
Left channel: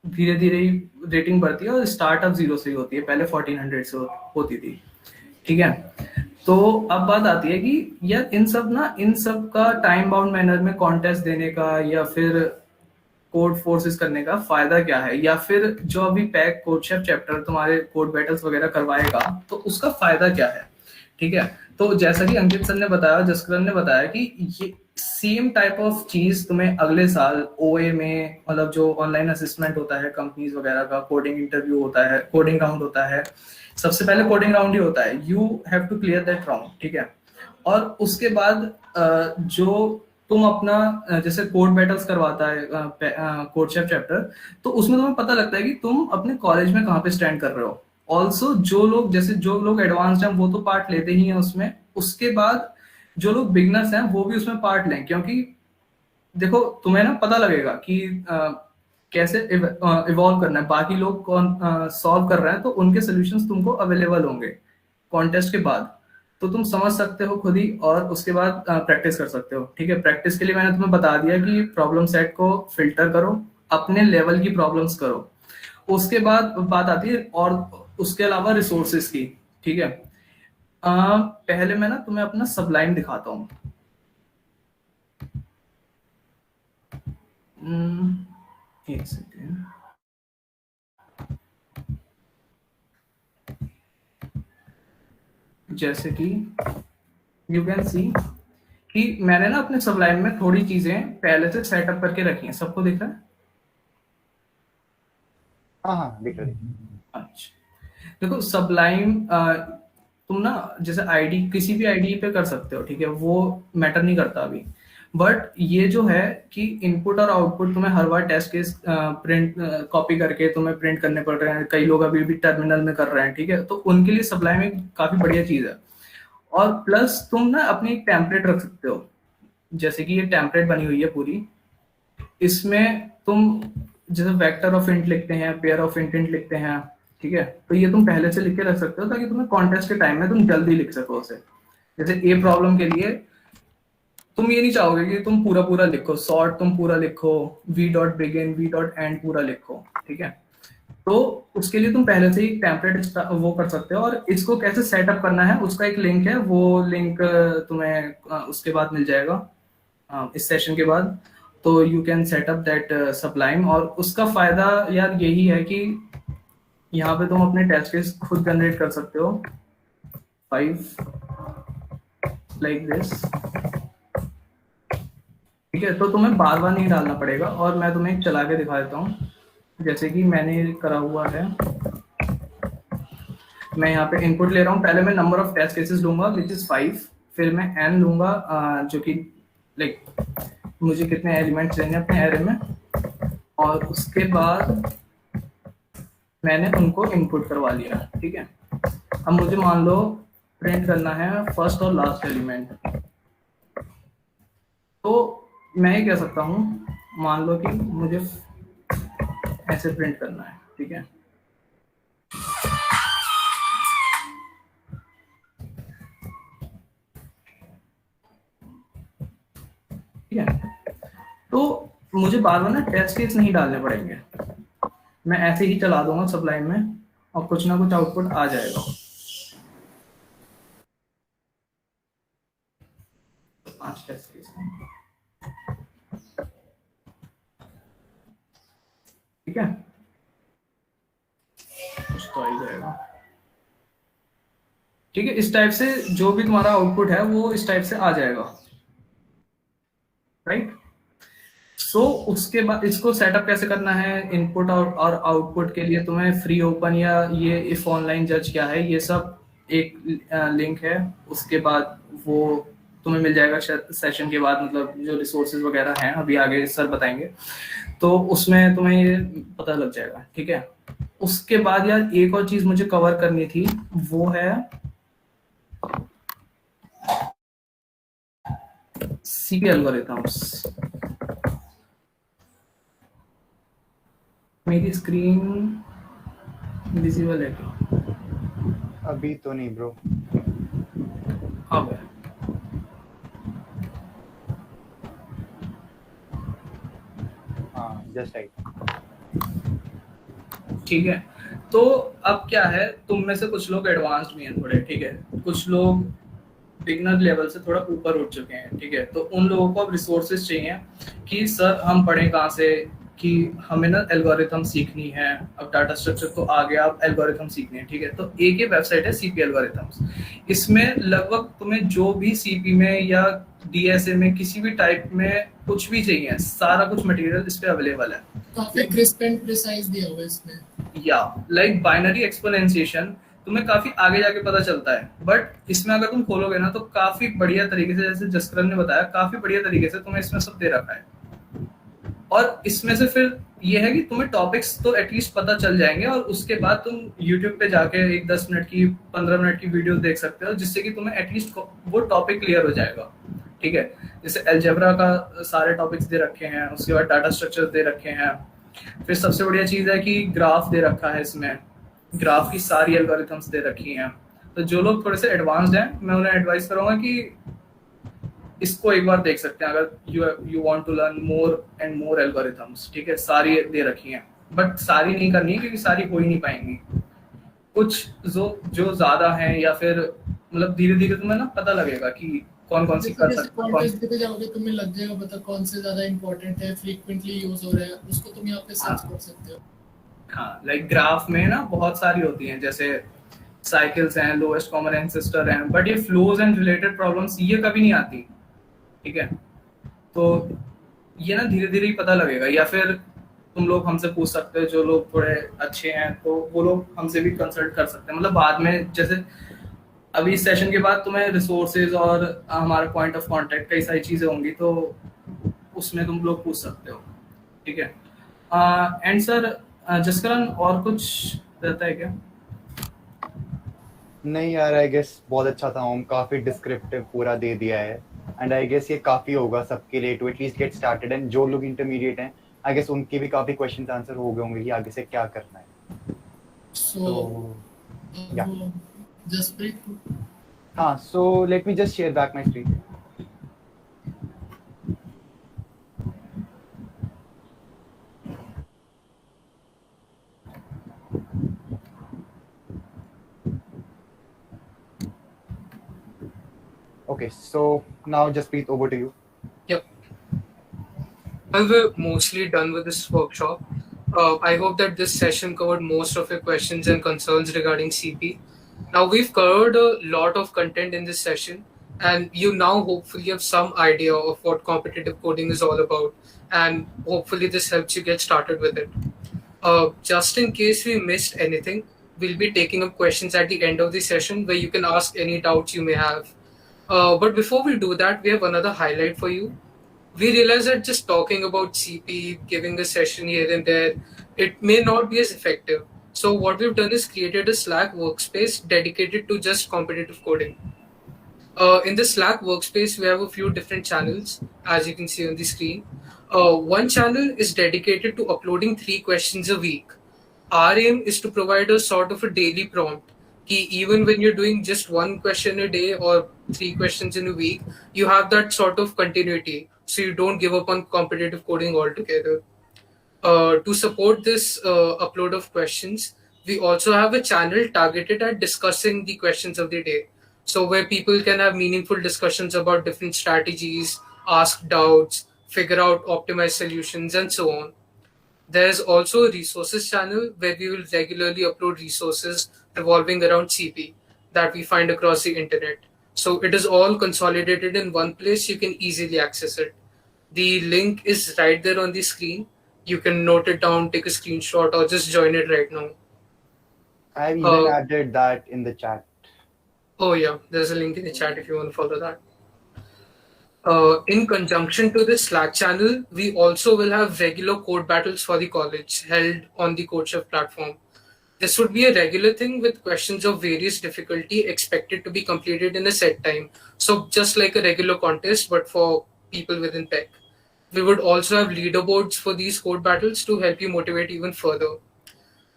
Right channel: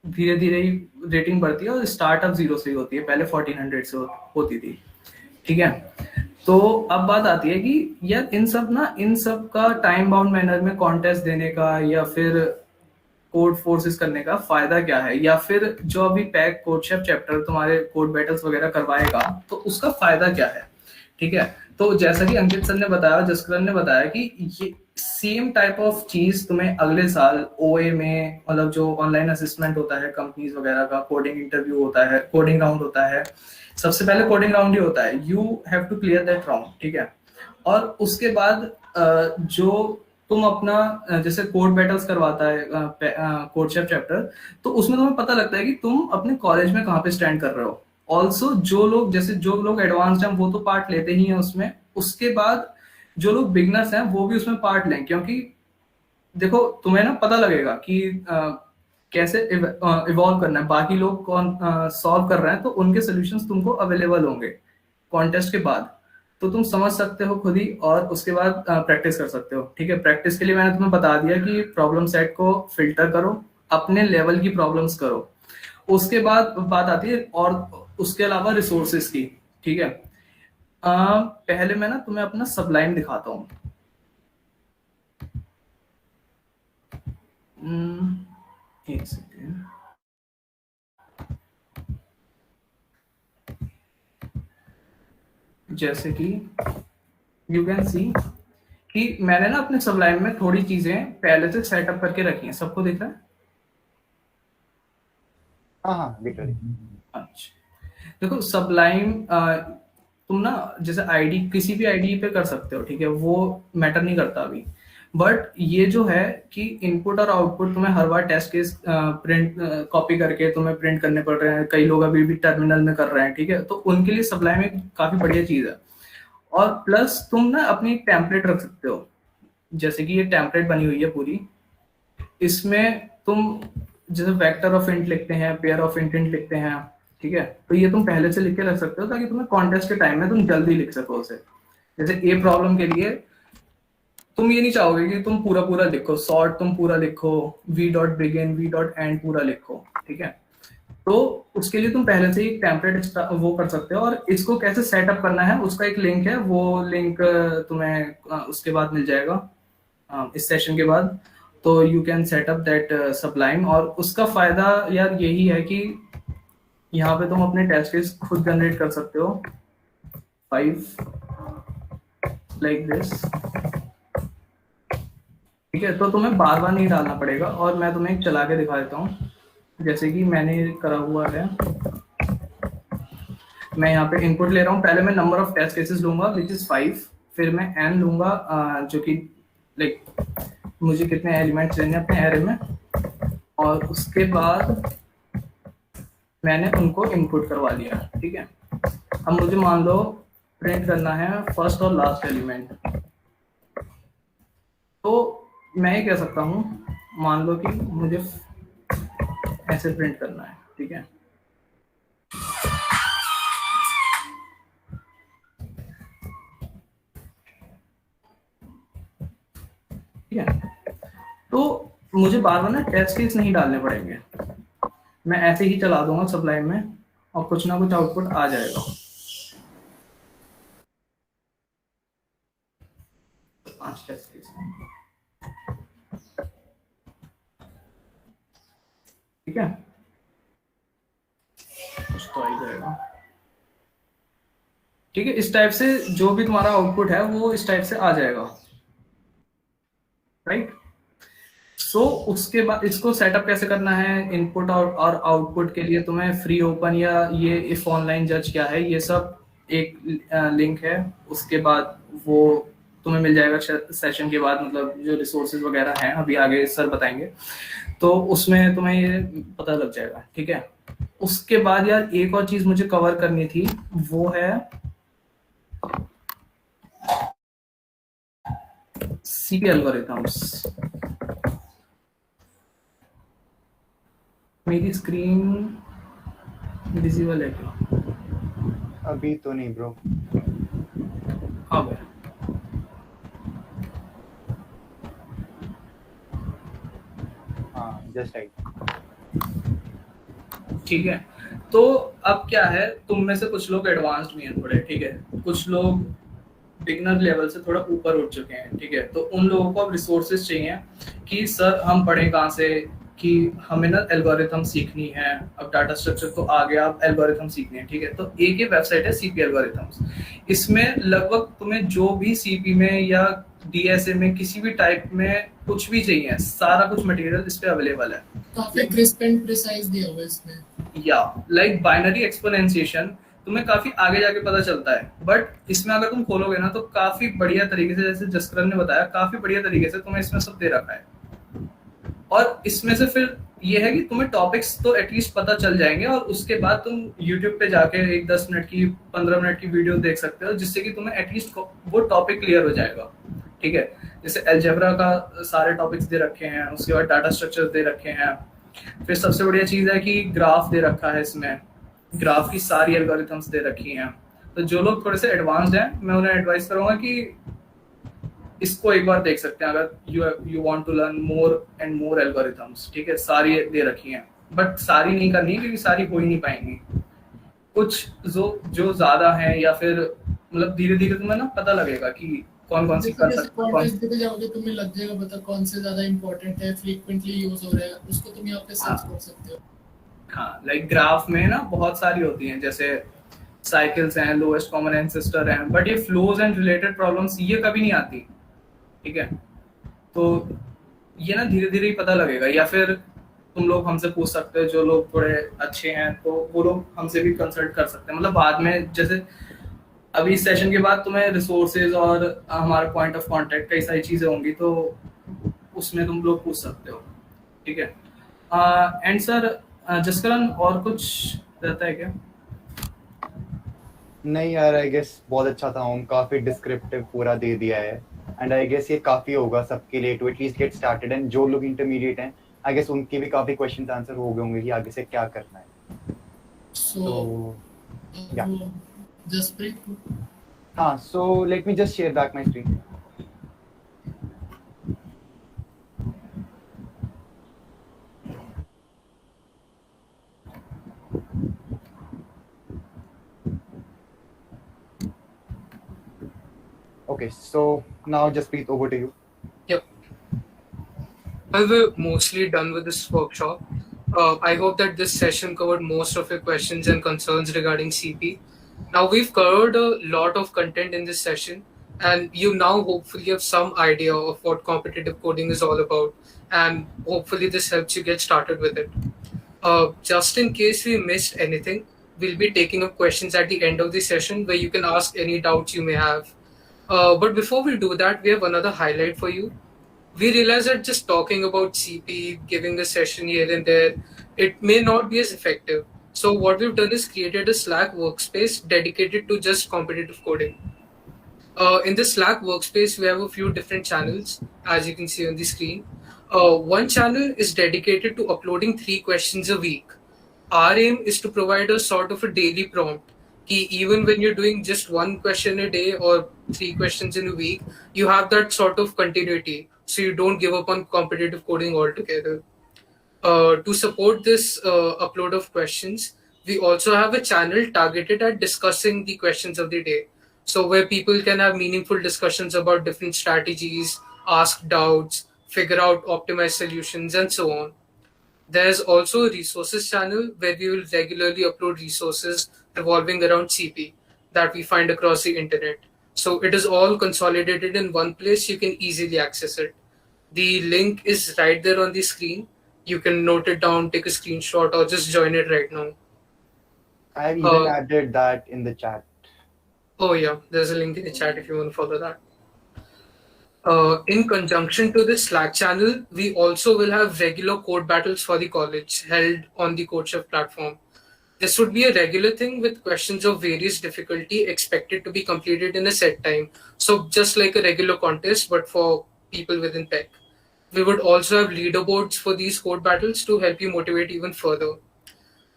धीरे धीरे ही रेटिंग बढ़ती है और स्टार्टअप 0 से ही होती है, पहले 1400 से होती थी। ठीक है, तो अब बात आती है कि यार इन सब का टाइम बाउंड मैनर में कॉन्टेस्ट देने का या फिर कोड फोर्सेस करने का फायदा क्या है, या फिर जो अभी पैक कोडशेफ चैप्टर तुम्हारे कोड बैटल्स वगैरह करवाएगा तो उसका फायदा क्या है। ठीक है, तो जैसा कि अंकित सर ने बताया, जसकरण ने बताया कि ये सेम टाइप ऑफ चीज तुम्हें अगले साल ओए में, मतलब जो ऑनलाइन असिस्मेंट होता है कंपनीज वगैरह का, कोडिंग इंटरव्यू होता है, कोडिंग राउंड होता है। सबसे पहले कोडिंग राउंड ही होता है, you have to clear that round. ठीक है, और उसके बाद जो तुम अपना जैसे कोड बैटल्स करवाता है कोडशेफ चैप्टर, तो उसमें तुम्हें पता लगता है कि तुम अपने कॉलेज में कहाँ पे स्टैंड कर रहे हो। ऑल्सो जो लोग एडवांस्ड हैं वो तो पार्ट लेते ही हैं उसमें। उसके बाद जो लोग बिगनर्स हैं वो भी उसमें पार्ट लें, क्योंकि देखो तुम्हें ना पता लगेगा कि कैसे इवॉल्व करना है। बाकी लोग कौन सॉल्व कर रहे हैं तो उनके सॉल्यूशंस तुमको अवेलेबल होंगे कॉन्टेस्ट के बाद, तो तुम समझ सकते हो खुद ही, और उसके बाद प्रैक्टिस कर सकते हो। ठीक है, प्रैक्टिस के लिए मैंने तुम्हें बता दिया कि प्रॉब्लम सेट को फिल्टर करो, अपने लेवल की प्रॉब्लम्स करो। उसके बाद बात आती है और उसके अलावा रिसोर्सेज की। ठीक है, पहले मैं ना तुम्हें अपना सबलाइन दिखाता हूँ। एक सेकेंड, जैसे कि यू कैन सी कि मैंने ना अपने सबलाइन में थोड़ी चीजें पहले से सेटअप करके रखी हैं। सबको दिख रहा है? हाँ हाँ, दिख रहा है। अच्छा, देखो सबलाइन तुम ना जैसे आईडी किसी भी आईडी पे कर सकते हो। ठीक है, वो मैटर नहीं करता अभी। बट ये जो है कि इनपुट और आउटपुट तुम्हें हर बार टेस्ट केस प्रिंट कॉपी करके तुम्हें प्रिंट करने पड़ रहे हैं। कई लोग अभी भी टर्मिनल में कर रहे हैं। ठीक है, तो उनके लिए सबलाइन एक काफी बढ़िया चीज है। और प्लस तुम ना अपनी एक टेम्पलेट रख सकते हो, जैसे कि ये टेम्पलेट बनी हुई है पूरी, इसमें तुम जैसे वेक्टर ऑफ इंट लिखते हैं, पेयर ऑफ इंट लिखते हैं, ठीक है, तो ये तुम पहले से लिख के रख सकते हो ताकि तुम्हें कॉन्टेस्ट के टाइम में तुम जल्दी लिख सको उसे। जैसे ए प्रॉब्लम के लिए तुम ये नहीं चाहोगे कि तुम पूरा पूरा लिखो, सॉर्ट तुम पूरा लिखो, V dot begin V dot and पूरा लिखो, ठीक है, तो उसके लिए तुम पहले से ही टेम्पलेट वो कर सकते हो। और इसको कैसे सेटअप करना है उसका एक लिंक है, वो लिंक तुम्हें उसके बाद मिल जाएगा इस सेशन के बाद, तो you can setup that Sublime. और उसका फायदा यार यही है कि यहाँ पे तुम अपने टेस्ट केस खुद जनरेट कर सकते हो, 5 लाइक दिस, ठीक है, तो तुम्हें बार बार नहीं डालना पड़ेगा। और मैं तुम्हें एक चला के दिखा देता हूँ, जैसे कि मैंने करा हुआ है, मैं यहाँ पे इनपुट ले रहा हूँ, पहले मैं नंबर ऑफ टेस्ट केसेस लूंगा विच इज 5, फिर मैं n लूंगा जो कि लाइक मुझे कितने एलिमेंट्स लेने अपने एरे में, और उसके बाद मैंने उनको इनपुट करवा लिया, ठीक है। अब मुझे मान लो प्रिंट करना है फर्स्ट और लास्ट एलिमेंट, तो मैं ये कह सकता हूँ, मान लो कि मुझे ऐसे प्रिंट करना है, ठीक है, ठीक है, तो मुझे बार बार ना टेस्ट केस नहीं डालने पड़ेंगे, मैं ऐसे ही चला दूंगा सबलाइम में और कुछ ना कुछ आउटपुट आ जाएगा। 5 टेस्ट केस, ठीक है, कुछ तो आ ही जाएगा, ठीक है। इस टाइप से जो भी तुम्हारा आउटपुट है वो इस टाइप से आ जाएगा, राइट। सो उसके बाद इसको सेटअप कैसे करना है, इनपुट और आउटपुट के लिए तुम्हें फ्री ओपन या ये इफ ऑनलाइन जज क्या है, ये सब एक लिंक है, उसके बाद वो तुम्हें मिल जाएगा सेशन के बाद, मतलब जो रिसोर्सेज वगैरह हैं अभी आगे सर बताएंगे, तो उसमें तुम्हें ये पता लग जाएगा, ठीक है। उसके बाद यार एक और चीज मुझे कवर करनी थी, वो है सीपी एल्गोरिथम्स। मेरी स्क्रीन विजिबल है क्या? अभी तो नहीं ब्रो। अब है। हाँ जस्ट राइट। ठीक है, तो अब क्या है, तुम में से कुछ लोग एडवांस्ड भी हैं थोड़े, ठीक है, कुछ लोग बिगनर लेवल से थोड़ा ऊपर उठ चुके हैं, ठीक है, तो उन लोगों को अब रिसोर्सेज चाहिए कि सर हम पढ़ें कहाँ से, कि हमें ना एल्गोरिथम सीखनी है, अब डाटा स्ट्रक्चर तो आ गया, अब एल्गोरिथम सीखनी है, ठीक है। तो एक ही वेबसाइट है सीपी एल्गोरिथम्स, इसमें लगभग तुम्हें जो भी सीपी में या डीएसए में किसी भी टाइप में कुछ भी चाहिए, सारा कुछ मटेरियल इस पे अवेलेबल है। काफी क्रिस्प एंड प्रिसाइज दिया हुआ है इसमें, या लाइक बाइनरी एक्सपोनेंशिएशन तुम्हें काफी आगे जाके पता चलता है, बट इसमें अगर तुम खोलोगे ना तो काफी बढ़िया तरीके से, जैसे जसकरण ने बताया, काफी बढ़िया तरीके से तुम्हें इसमें सब दे रखा है। और इसमें से फिर ये है कि तुम्हें टॉपिक्स तो एटलीस्ट पता चल जाएंगे, और उसके बाद तुम YouTube पे जाके एक 10 मिनट की 15 मिनट की वीडियो देख सकते हो, जिससे कि तुम्हें एटलीस्ट वो टॉपिक क्लियर हो जाएगा, ठीक है। जैसे अलजेब्रा का सारे टॉपिक्स दे रखे हैं, उसके बाद डाटा स्ट्रक्चर दे रखे हैं, फिर सबसे बढ़िया चीज है कि ग्राफ दे रखा है, इसमें ग्राफ की सारी एल्गोरिथम्स दे रखी हैं। तो जो लोग थोड़े से एडवांस्ड हैं, मैं उन्हें एडवाइस करूंगा कि इसको एक बार देख सकते हैं, अगर you want to learn more and more algorithms, ठीक है, सारी दे रखी हैं, बट सारी नहीं करनी क्योंकि सारी हो ही नहीं पाएंगी, कुछ जो ज्यादा हैं, या फिर मतलब धीरे धीरे तुम्हें ना पता लगेगा कि कौन कौन सी कर सकते हो। कॉन्टेक्स्ट देते जाओगे तुम्हें लग जाएगा पता कौन से ज्यादा इंपॉर्टेंट है, फ्रीक्वेंटली यूज हो रहा है, उसको तुम यहाँ पे सर्च कर सकते हो। हाँ, लाइक ग्राफ में ना बहुत सारी होती हैं, जैसे साइकिल्स हैं, लोएस्ट कॉमन एंसेस्टर हैं, बट ये फ्लोज एंड रिलेटेड प्रॉब्लम्स ये कभी नहीं आती, ठीक है। तो ये ना धीरे धीरे ही पता लगेगा, या फिर तुम लोग हमसे पूछ सकते हो, जो लोग थोड़े अच्छे हैं तो वो लोग हमसे भी कंसल्ट कर सकते हैं, मतलब बाद में जैसे अभी इस सेशन के बाद तुम्हें रिसोर्सेज और हमारा पॉइंट ऑफ कांटेक्ट कई सारी चीजें होंगी, तो उसमें तुम लोग पूछ सकते हो, ठीक है। एंड सर जसकरण और कुछ रहता है क्या? नहीं यार, आई गेस बहुत अच्छा था ओम, काफी डिस्क्रिप्टिव पूरा दे दिया है। एंड आई गेस ये काफी होगा सबके लिए to at least get started. And जो लोग इंटरमीडिएट हैं, आई गेस उनके भी काफी क्वेश्चंस आंसर हो गए होंगे कि आगे से क्या करना है। So, तो या Jasprit, हाँ, so let me just share back my screen. Okay, so now Jasprit, over to you. Yep. Well, we're mostly done with this workshop. I hope that this session covered most of your questions and concerns regarding CP. Now, we've covered a lot of content in this session, and you now hopefully have some idea of what competitive coding is all about, and hopefully, this helps you get started with it. Just in case we missed anything, we'll be taking up questions at the end of the session where you can ask any doubts you may have. But before we do that, we have another highlight for you. We realize that just talking about CP, giving a session here and there, it may not be as effective. So what we've done is created a Slack workspace dedicated to just competitive coding. In the Slack workspace, we have a few different channels, as you can see on the screen. One channel is dedicated to uploading 3 questions a week. Our aim is to provide a sort of a daily prompt. Ki even when you're doing just 1 question a day or 3 questions in a week, you have that sort of continuity. So you don't give up on competitive coding altogether. To support this upload of questions, we also have a channel targeted at discussing the questions of the day. So, where people can have meaningful discussions about different strategies, ask doubts, figure out optimized solutions, and so on. There's also a resources channel where we will regularly upload resources revolving around CP that we find across the internet. So it is all consolidated in one place. You can easily access it. The link is right there on the screen. You can note it down, take a screenshot, or just join it right now. I've even Uh, added that in the chat. oh, yeah, there's a link in the chat if you want to follow that. In conjunction to this Slack channel, we also will have regular code battles for the college held on the CodeChef platform. This would be a regular thing with questions of various difficulty expected to be completed in a set time. So just like a regular contest, but for people within tech. We would also have leaderboards for these code battles to help you motivate even further.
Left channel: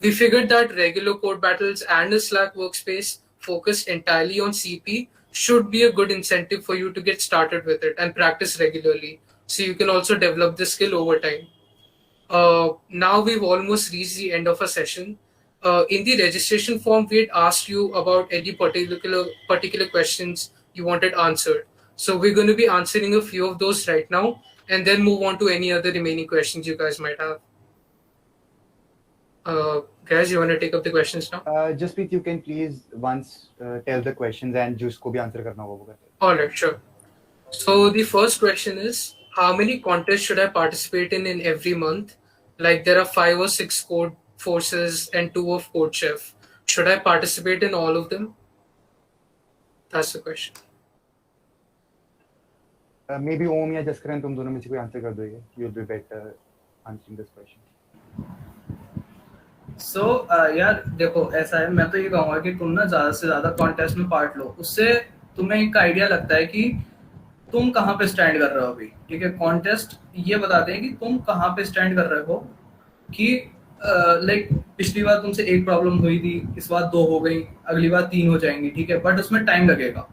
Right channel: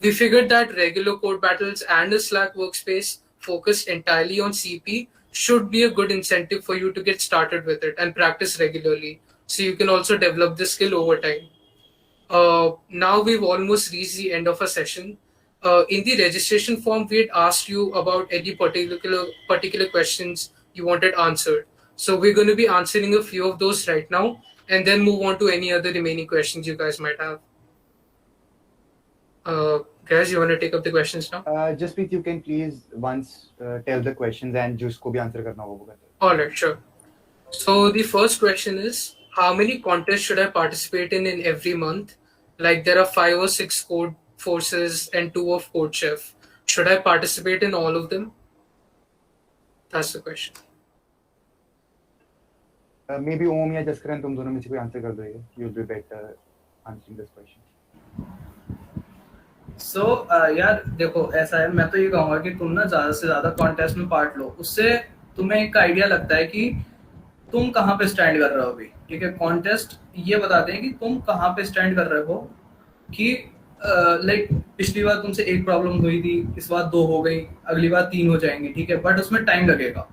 We figured that regular code battles and a Slack workspace focused entirely on CP should be a good incentive for you to get started with it and practice regularly. So you can also develop this skill over time. Now we've almost reached the end of our session. In the registration form, we had asked you about any particular questions you wanted answered. So we're going to be answering a few of those right now, and then move on to any other remaining questions you guys might have. Guys, you want to take up the questions now? Jasprit, you can please once tell the questions and जिसको भी answer करना होगा वो करते हैं. All right, sure. So the first question is, how many contests should I participate in every month? Like there are 5 or 6 code forces and 2 of CodeChef. Should I participate in all of them? That's the question. Maybe Om या जसकरण तुम दोनों में से कोई answer कर दोगे. You'll be better answering this question. सो यार देखो, ऐसा है, मैं तो ये कहूंगा कि तुम ना ज्यादा से ज्यादा कॉन्टेस्ट में पार्ट लो. उससे तुम्हें एक आइडिया लगता है कि तुम कहाँ पे स्टैंड कर रहे हो अभी. ठीक है, कॉन्टेस्ट ये बताते हैं कि तुम कहाँ पे स्टैंड कर रहे हो. कि लाइक पिछली बार तुमसे 1 प्रॉब्लम हुई थी, इस बार 2 हो गई, अगली बार 3 हो जाएंगी. ठीक है, बट उसमें टाइम लगेगा.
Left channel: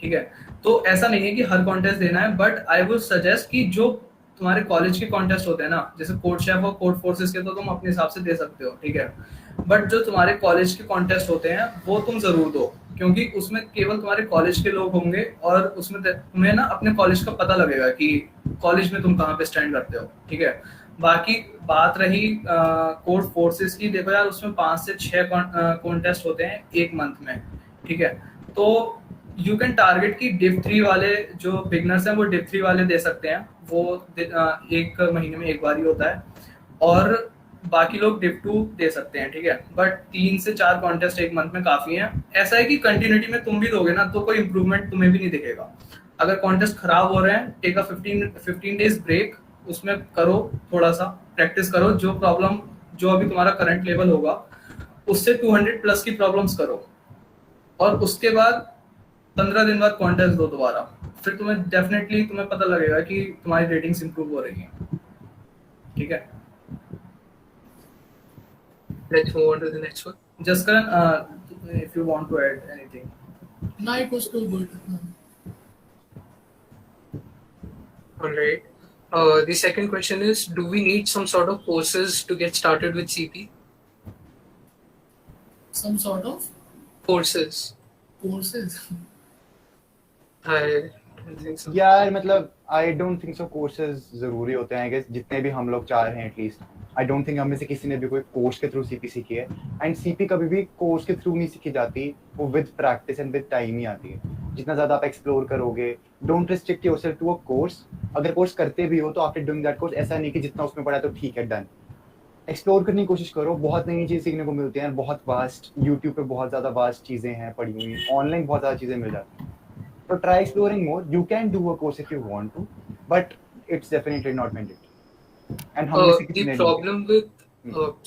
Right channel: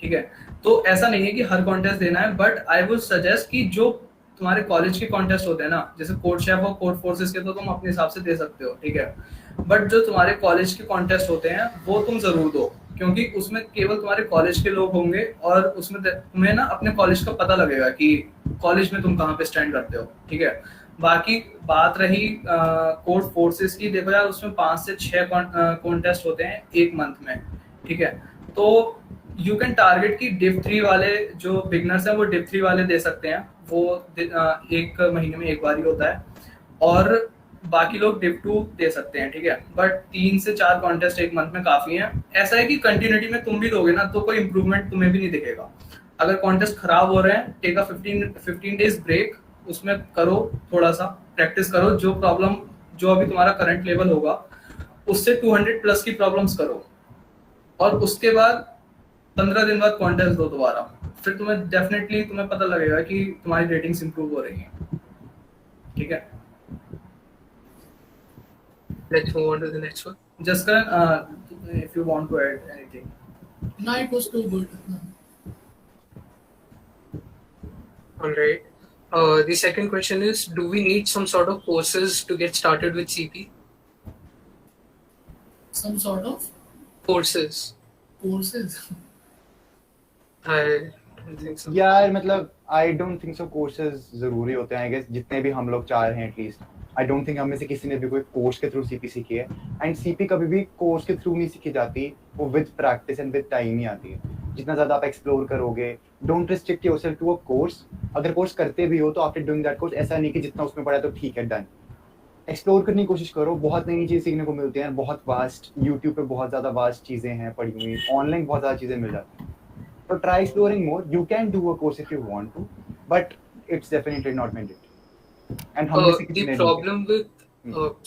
ठीक है, तो ऐसा नहीं है कि हर कॉन्टेस्ट देना है, बट आई वुड सजेस्ट कि जो तुम्हारे कॉलेज के कॉन्टेस्ट होते हैं ना, जैसे कोड शेफ और कोड फोर्सेस के, तो तुम अपने हिसाब से दे सकते हो. ठीक है, बट जो तुम्हारे कॉलेज के कॉन्टेस्ट होते हैं वो तुम जरूर दो, क्योंकि उसमें केवल तुम्हारे कॉलेज के लोग होंगे और उसमें तुम्हें ना अपने कॉलेज का पता लगेगा कि कॉलेज में तुम कहाँ पे स्टैंड करते हो. ठीक है, बाकी बात रही कोड फोर्सेस की, देखो यार उसमें 5 से 6 कॉन्टेस्ट होते हैं एक मंथ में. ठीक है, तो यू कैन टारगेट की डिव 3 वाले जो बिगनर्स हैं वो डिव 3 वाले दे सकते हैं. वो 1 महीने में 1 बार ही होता है, और बाकी लोग डिव 2 दे सकते हैं. ठीक है, बट 3 से 4 कॉन्टेस्ट एक मंथ में काफी हैं. ऐसा है कि कंटिन्यूटी में तुम भी दोगे ना तो कोई इंप्रूवमेंट तुम्हें भी नहीं दिखेगा. अगर कॉन्टेस्ट खराब हो रहे हैं, टेक अ 15 डेज ब्रेक, उसमें करो, थोड़ा सा प्रैक्टिस करो. जो प्रॉब्लम जो अभी तुम्हारा करंट लेवल होगा उससे 200 प्लस की प्रॉब्लम्स करो. और उसके बाद 15 दिन बाद कॉन्टेस्ट दो दोबारा, फिर तुम्हें पता लगेगा कि तुम्हारी रेटिंग्स इंप्रूव हो रही हैं। ठीक है, Let's move on to the next one. Just if you want to add anything. No, it was too good. All right. The second question is, do we need some sort of courses to get started with CP? Some sort of Courses. courses. I don't think so. यार मतलब आई don't think so courses जरूरी होते हैं I guess, जितने भी हम लोग चाह रहे हैं एटलीस्ट आई डोंट थिंक हम में से किसी ने भी कोई कोर्स के थ्रू सीपी सीखी है। एंड सीपी कभी भी कोर्स के थ्रू नहीं सीखी जाती, वो with practice and with time ही आती है। जितना ज्यादा आप एक्सप्लोर करोगे, don't restrict yourself to a course. अगर कोर्स करते भी हो तो आफ्टर डूइंग दैट कोर्स ऐसा नहीं कि जितना उसमें पढ़ा तो ठीक है डन। एक्सप्लोर करने की कोशिश करो, बहुत नई चीज़ सीखने को मिलती हैं, बहुत वास्ट यूट्यूब पे बहुत ज़्यादा वास्ट चीज़ें हैं पड़ी हुई, ऑनलाइन बहुत ज़्यादा चीज़ें मिल जाती हैं। So try exploring more. You can do a course if you want to, but it's definitely not mandatory. And हम किसी The ने problem with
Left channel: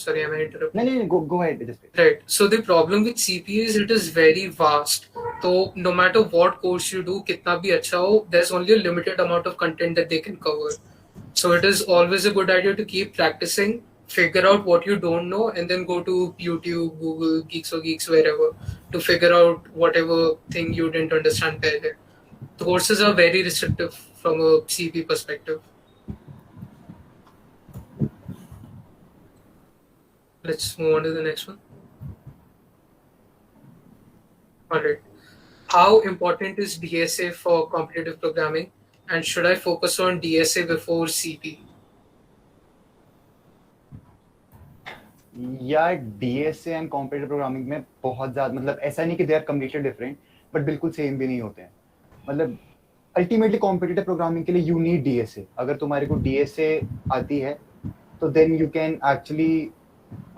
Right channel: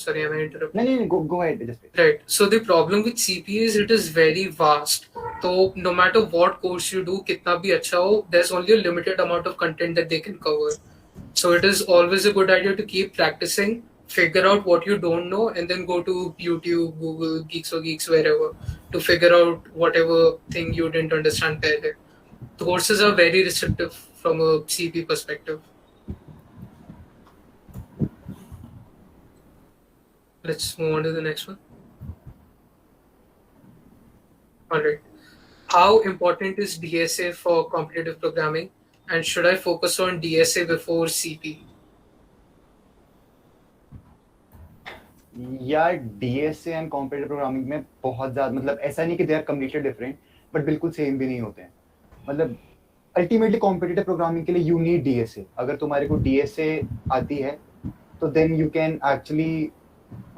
sorry, am I interrupting? नहीं go ahead just wait. Right. So the problem with CP is it is very vast. So no matter what course you do, kitna bhi acha ho, there's only a limited amount of content that they can cover. So it is always a good idea to keep practicing, figure out what you don't know, and then go to YouTube, Google, Geeks or Geeks, wherever, to figure out whatever thing you didn't understand pehle. The courses are very restrictive from a CP perspective. Let's move on to the next one. Alright. How important is DSA for competitive programming, and should I focus on DSA before CP? यार DSA and competitive programming में बहुत ज़्यादा मतलब ऐसा नहीं कि they are completely different, but बिल्कुल same भी नहीं होते हैं। मतलब अल्टीमेटली कॉम्पिटिटिव प्रोग्रामिंग के लिए यू नीड डीएसए। अगर तुम्हारे को डीएसए आती है तो देन यू कैन एक्चुअली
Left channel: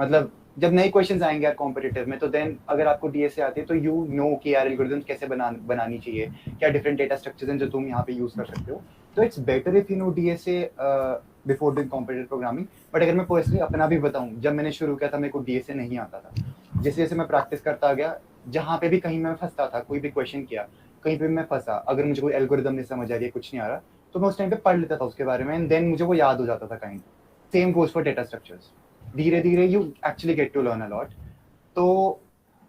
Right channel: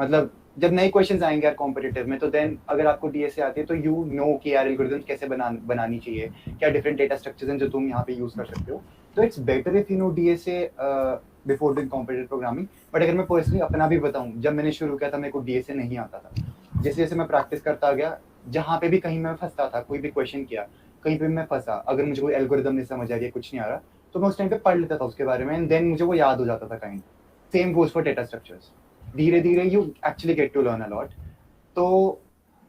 मतलब जब नए क्वेश्चंस आएंगे यार कॉम्पिटिटिव में, तो देन अगर आपको डीएसए आती है तो यू नो कि यार एल्गोरिथम कैसे बनानी चाहिए, क्या डिफरेंट डेटा स्ट्रक्चर्स हैं जो तुम यहाँ पे यूज कर सकते हो। तो it's better if you know DSA before doing competitive programming. But अगर मैं पर्सनली अपना भी बताऊँ, जब मैंने शुरू किया था मेरे को डीएसए नहीं आता था। जैसे जैसे मैं प्रैक्टिस करता गया, जहाँ पे भी कहीं मैं फंसता था, कोई भी क्वेश्चन किया, कहीं पे मैं फंसा, अगर मुझे कोई एल्गोरिथम नहीं समझ आ रही है, कुछ नहीं आ रहा, तो मैं उस टाइम पे पढ़ लेता था उसके बारे में, एंड देन मुझे वो याद हो जाता था kind. Same goes for data structures. धीरे धीरे you actually get to learn a lot. तो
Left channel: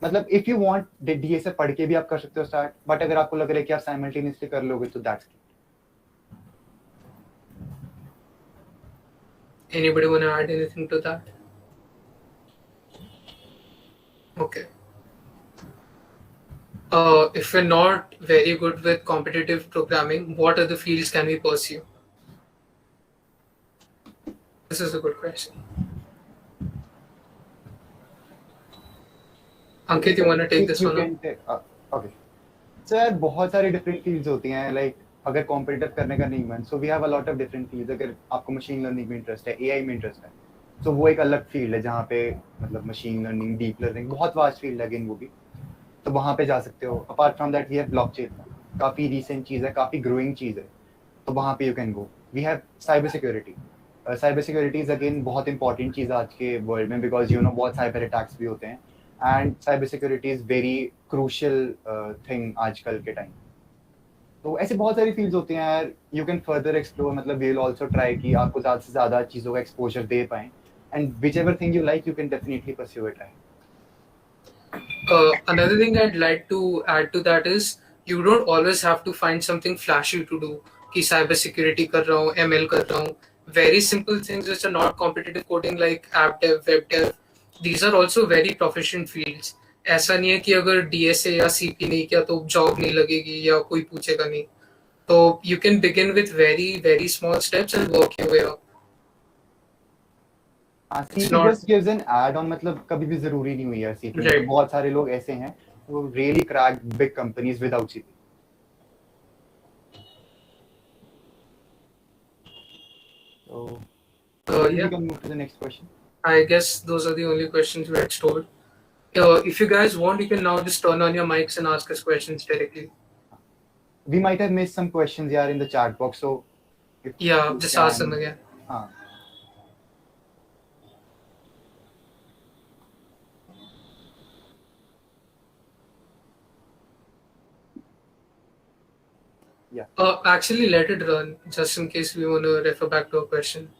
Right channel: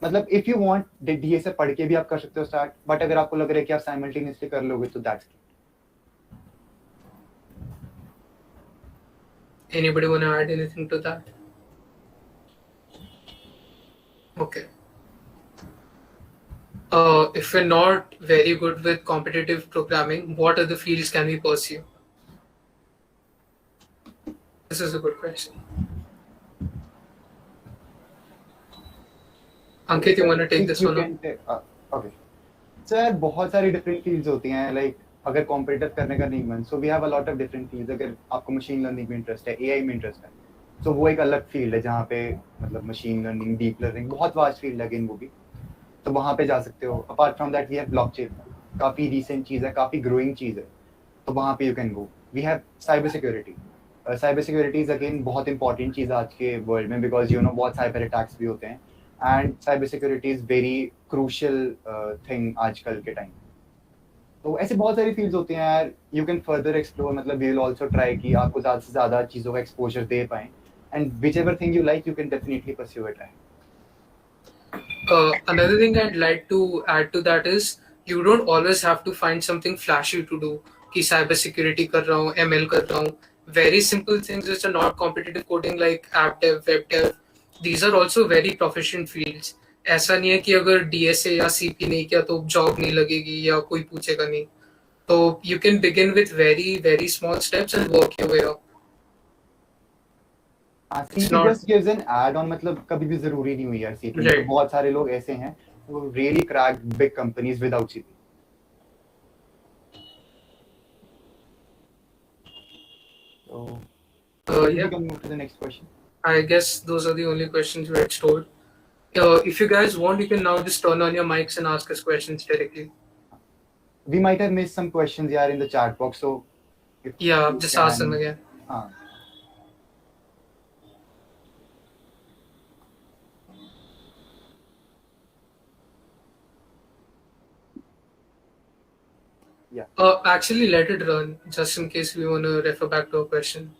मतलब इफ यू वांट डीएसए पढ़ के भी आप कर सकते हो स्टार्ट, बट अगर आपको लग रहा है कि आप साइमल्टेनियसली कर लोगे तो that's great. Anybody want to add anything to that? Okay. If we're not very good with competitive programming, what other fields can we pursue? This is a good question. Ankit, you want to take this one up? Okay. So यार बहुत सारी different fields होती हैं, like अगर competitive करने का नहीं मन, so we have a lot of different fields. अगर आपको मशीन लर्निंग में इंटरेस्ट है, एआई में इंटरेस्ट है, तो वो एक अलग फील्ड है जहाँ पे मतलब मशीन लर्निंग, डीप लर्निंग बहुत वास्ट फील्ड है अगेन वो भी, तो वहाँ पे जा सकते हो। Apart from that we have blockchain, काफ़ी रिसेंट चीज़ है, काफ़ी ग्रोइंग चीज़ है, तो वहाँ पे you can go. We have cyber security. Cyber security is again बहुत इंपॉर्टेंट चीज़ आज के वर्ल्ड में, बिकॉज यू नो बहुत साइबर अटैक्स भी होते हैं, and cyber security is very crucial thing आजकल के टाइम। तो ऐसे बहुत सारी फील्ड्स होती हैं यार, यू कैन फर्दर एक्सप्लोर। मतलब वी विल आल्सो ट्राई कि आपको ज़्यादा से ज़्यादा चीज़ों का एक्सपोजर दे पाएं, and which ever thing you like you can definitely pursue it. Another thing I'd like to add to that is you don't always have to find something flashy to do. कि cyber security कर रहा हूँ, ML कर रहा हूँ. Very simple things which are not competitive coding like app dev, web dev. These are also very proficient fields. ऐसा नहीं है कि अगर DSA या CP नहीं किया तो जॉब नहीं लगेगी या कोई पूछेगा नहीं. तो you can begin with very very small steps and work your way up. CP just gives an add on, मतलब कभी भी जरूरी नहीं हुई है सीपी। Right. बहुत सारे लोग ऐसे हैं वो really crack big companies without CP. So Yeah. we can move to the next question. I guess those are the only questions we had stored. If you guys want, you can now just turn on your mics and ask us questions directly. We might have missed some questions here in the chat box, so if Yeah, you just can- ask them again. हाँ. Actually, let it run just in case we want to refer back to a question.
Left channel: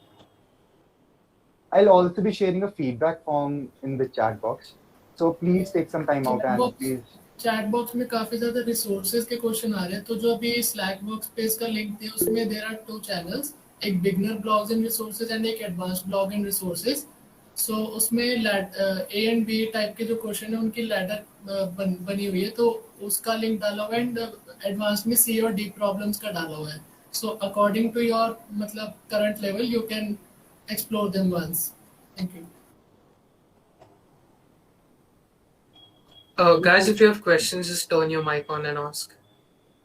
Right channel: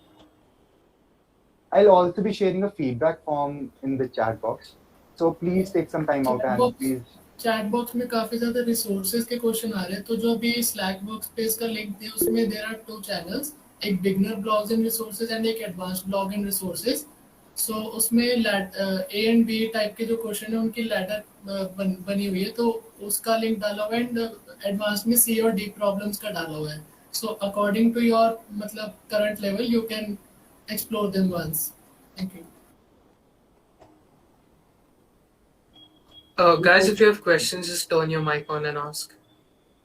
I'll also be sharing a feedback form in the chat box. So please take some time out and please. Chat box में काफी ज्यादा resources के question आ रहे हैं, तो जो अभी slack work space का लिंक दिया उसमें देयर आर 2 चैनल्स, एक beginner blogs and resources and एक एडवांस्ड ब्लॉग एंड रिसोर्सेज. सो उसमें ए एंड बी टाइप के जो क्वेश्चन है उनकी लैडर बनी हुई है, तो उसका लिंक डाला हुआ है. एंड एडवांस में सी और डी प्रॉब्लम्स का डाला हुआ है. सो अकॉर्डिंग टू योर मतलब current level you can explore them once. Thank you. Guys, if you have questions, just turn your mic on and ask.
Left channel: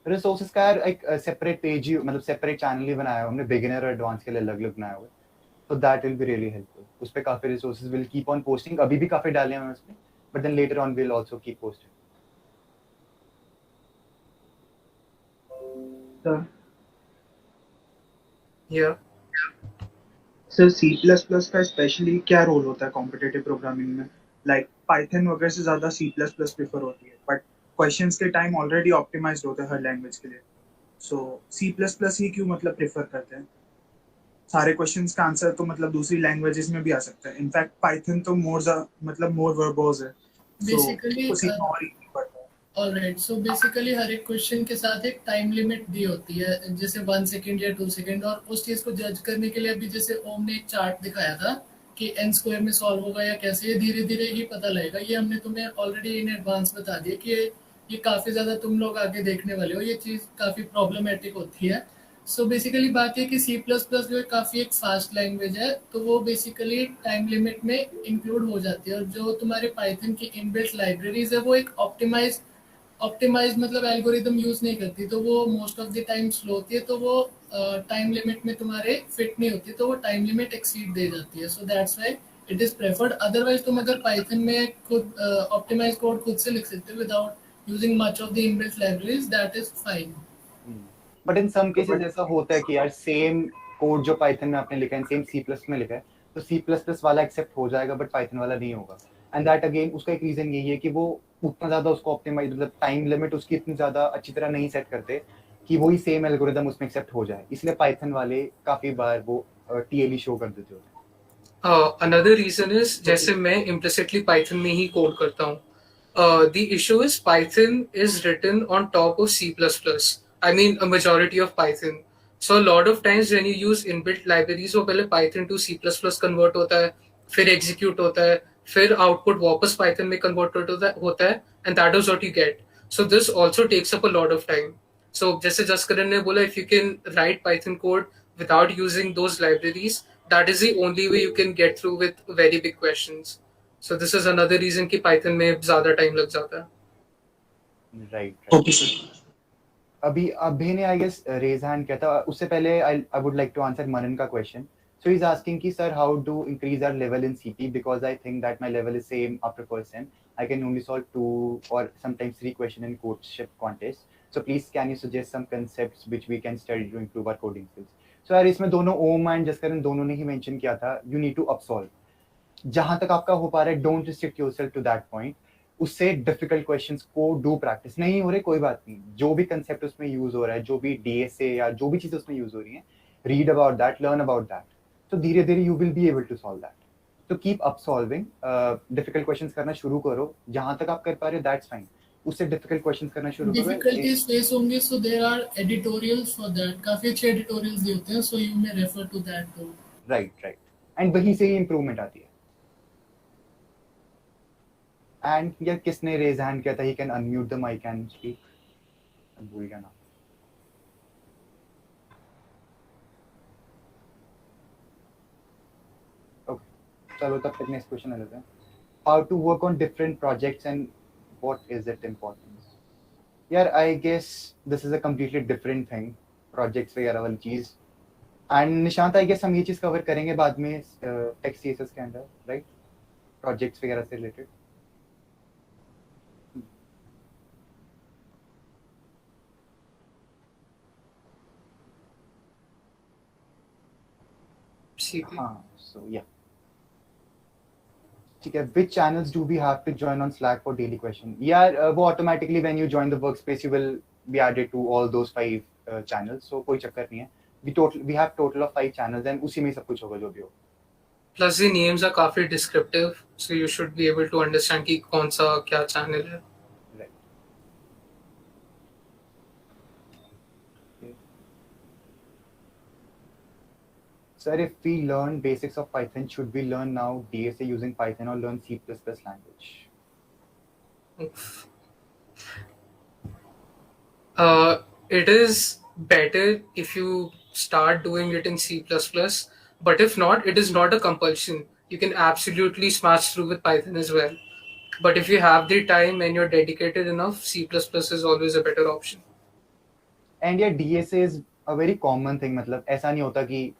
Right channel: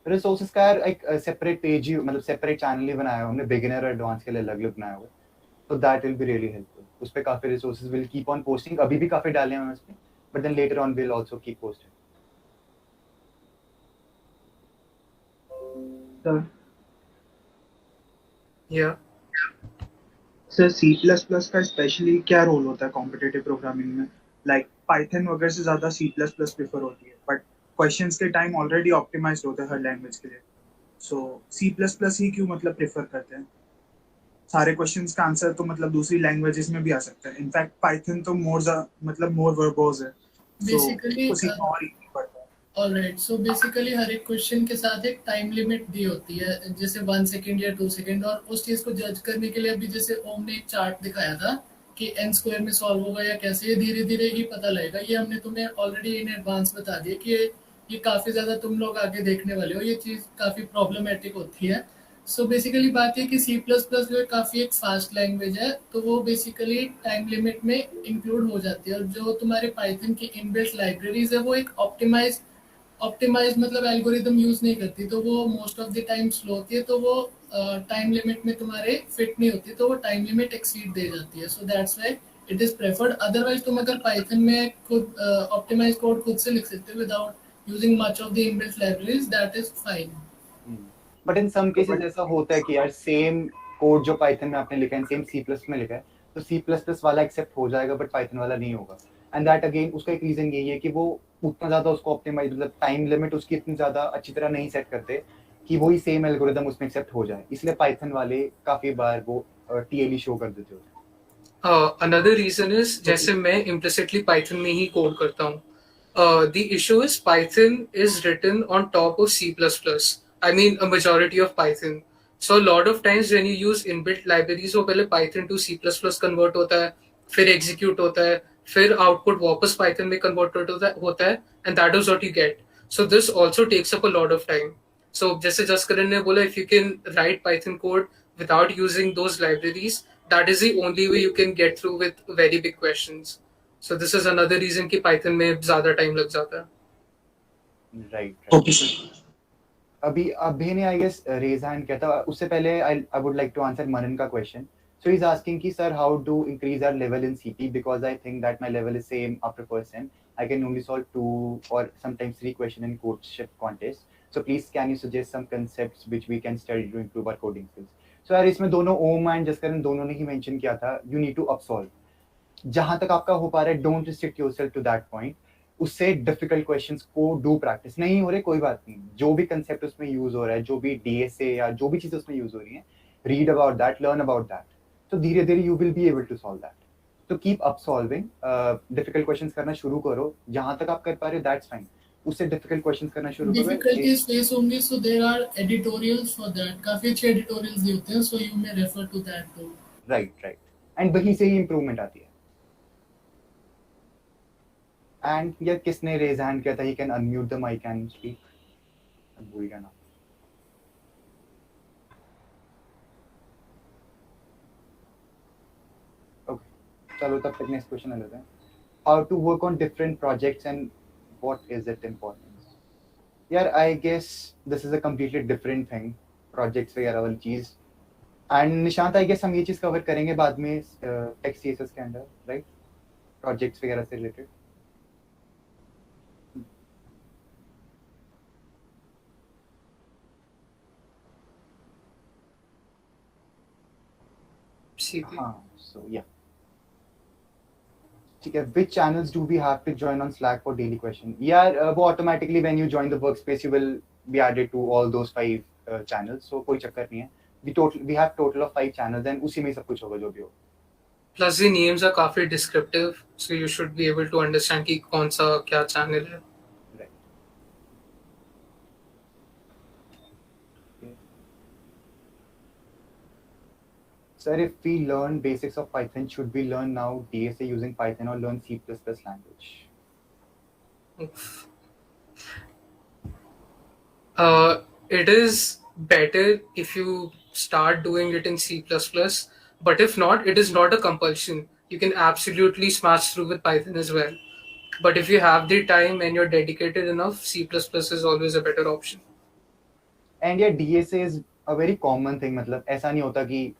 Resources का यार एक सेपरेट पेज ही मतलब सेपरेट चैनल ही बनाया है हमने, बिगिनर और advance के लिए अलग अलग बनाया हुआ है. तो that will be really helpful. उस पे काफी resources will keep on posting. अभी भी काफी डाले हैं उस पे, but then later on will also keep posting. Yeah. Sir C++ का स्पेशली क्या रोल होता है कॉम्पिटिटिव प्रोग्रामिंग में? लाइक पाइथन वगैरह से ज़्यादा C++ प्रेफर होती है, बट क्वेश्चंस के टाइम ऑलरेडी ऑप्टिमाइज्ड होते हैं हर लैंग्वेज के लिए. सो C++ ही क्यों मतलब प्रेफर करते हैं? सारे क्वेश्चंस का आंसर तो मतलब दूसरी लैंग्वेजेस में भी आ सकता है. इनफैक्ट पाइथन तो मोर वर्बोज है. बेसिकली और ऑलराइट. सो बेसिकली हर एक क्वेश्चन के साथ एक टाइम लिमिट दी होती है, जैसे 1 सेकंड या 2 सेकंड. और उस चीज को जज करने के लिए अभी जैसे ओम ने एक चार्ट दिखाया था कि n स्क्वायर में सॉल्व होगा या कैसे, ये धीरे धीरे ही पता लगेगा. ये हमने तुम्हें ऑलरेडी इन एडवांस बता दिया कि ये काफी ज्यादा तुम लोग आगे देखने वाले हो, ये चीज काफी प्रॉब्लमेटिक होती है. सो बेसिकली बात ये कि C++ जो है काफी एक फास्ट लैंग्वेज है, तो वो बेसिकली टाइम लिमिट में इंक्लूड हो जाती है. और जो तुम्हारे पाइथन की इनबिल्ट लाइब्रेरीज है वो एक ऑप्टिमाइज मतलब एल्गोरिदम यूज नहीं करती, तो वो most of the time slow होती है, तो वो टाइम लिमिट में तुम्हारे फिट नहीं होती, तो वो टाइम लिमिट एक्सीड दे जाती है. So that's why it is preferred. Otherwise तुम अगर पाइथन में खुद ऑप्टिमाइज कोड खुद से लिख सकते हो without using much of the inbuilt libraries, that is fine. But in some cases ऐसा होता है कि यार सेम कोड जो पाइथन में आपने लिखा है सेम C++ में लिखा है, तो C++ वाला एक्सेप्ट हो जाएगा बट पाइथन वाला नहीं होगा. एंड दैट अगेन उसका एक रीजन यही है कि वो उतना ज्यादा उसको ऑप्टिमाइज मतलब टाइम लिमिट उसकी इतनी ज्यादा अच्छी तरह नहीं सेट करते कि वही सेम एल्गोरिदम उसमें एक्सेप्ट हो जाए. इसलिए पाइथन वाले काफी बार वो TLE शो कर देते होते हैं. Another reason is जैसे मैं implicitly Python में ही कोड करता हूँ. The issue is Python is written on top of C++. I mean a majority of Python. So a lot of times when you use inbuilt libraries, वो पहले Python to C++ convert होता है, फिर execute होता है, फिर output वापस Python में convert होता है, and that is what you get. So this also takes up a lot of time. So जैसे जसकरण ने बोला, if you can write Python code without using those libraries, that is the only way you can get through with very big questions. So this is another reason कि Python में ज़्यादा time लग जाता है. Right. Okay sir. अभी अभी ने I guess raise hand किया था. उससे पहले I would like to answer Manan का question. So he's asking ki sir, how to increase our level in CP, because I think that my level is same after first sem. I can only solve 2 or sometimes 3 questions in courtship contest. So please can you suggest some concepts which we can study to improve our coding skills? So यार इसमें दोनों ohm and Jaskaran दोनों ने ही mention किया था, you need to upsolve. जहां तक आपका हो पा रहा है, don't restrict yourself to that point. उससे डिफिकल्ट क्वेश्चंस को डू प्रैक्टिस. नहीं हो रहे कोई बात नहीं, जो भी कंसेप्ट उसमें यूज हो रहा है, जो भी DSA या जो भी चीज उसमें यूज हो रही है, read about that, learn about that. तो धीरे धीरे you will be able to solve that. तो keep up solving. Difficult questions करना शुरू करो, जहां तक आप कर पा रहे हो दैट्स फाइन. उससे डिफिकल्ट क्वेश्चंस करना शुरू करो. डिफिकल्टीज फेस होंगे, so there are editorials for that. काफी अच्छे एडिटोरियल्स भी होते हैं, so you may refer to that too. Right. And वहीं से ही इंप्रूवमेंट आती है. एंड यार किसने रेज हैंड किया था? He can unmute the mic and speak. भूल गया ना. चलो तब तक नेक्स्ट क्वेश्चन लेते हैं. How to work on different projects and what is it importance? यार I guess this is a completely different thing, projects वगैरह वाली चीज. एंड निशांत आई गेस हम ये चीज कवर करेंगे बाद में टेक्स्ट CSS के अंदर, राइट? प्रोजेक्ट्स वगैरह से रिलेटेड. हाँ, so yeah. ठीक है. Which channels do we have to join on Slack for daily question? यार वो automatically when you join the workspace you will be added to all those 5 channels, so कोई चक्कर नहीं है. We have total of 5 channels and उसी में सब कुछ होगा जो भी हो. Plus the names are काफी descriptive, so you should be able to understand कि कौन सा क्या channel है. Right. Okay. Sir, if we learn basics of Python, should we learn now DSA using Python or learn C++ language? It is better if you start doing it in C++, but if not, it is not a compulsion. You can absolutely smash through with Python as well. But if you have the time and you're dedicated enough, C++ is always a better option. And yeah, DSA is a very common thing. मतलब ऐसा नहीं होता कि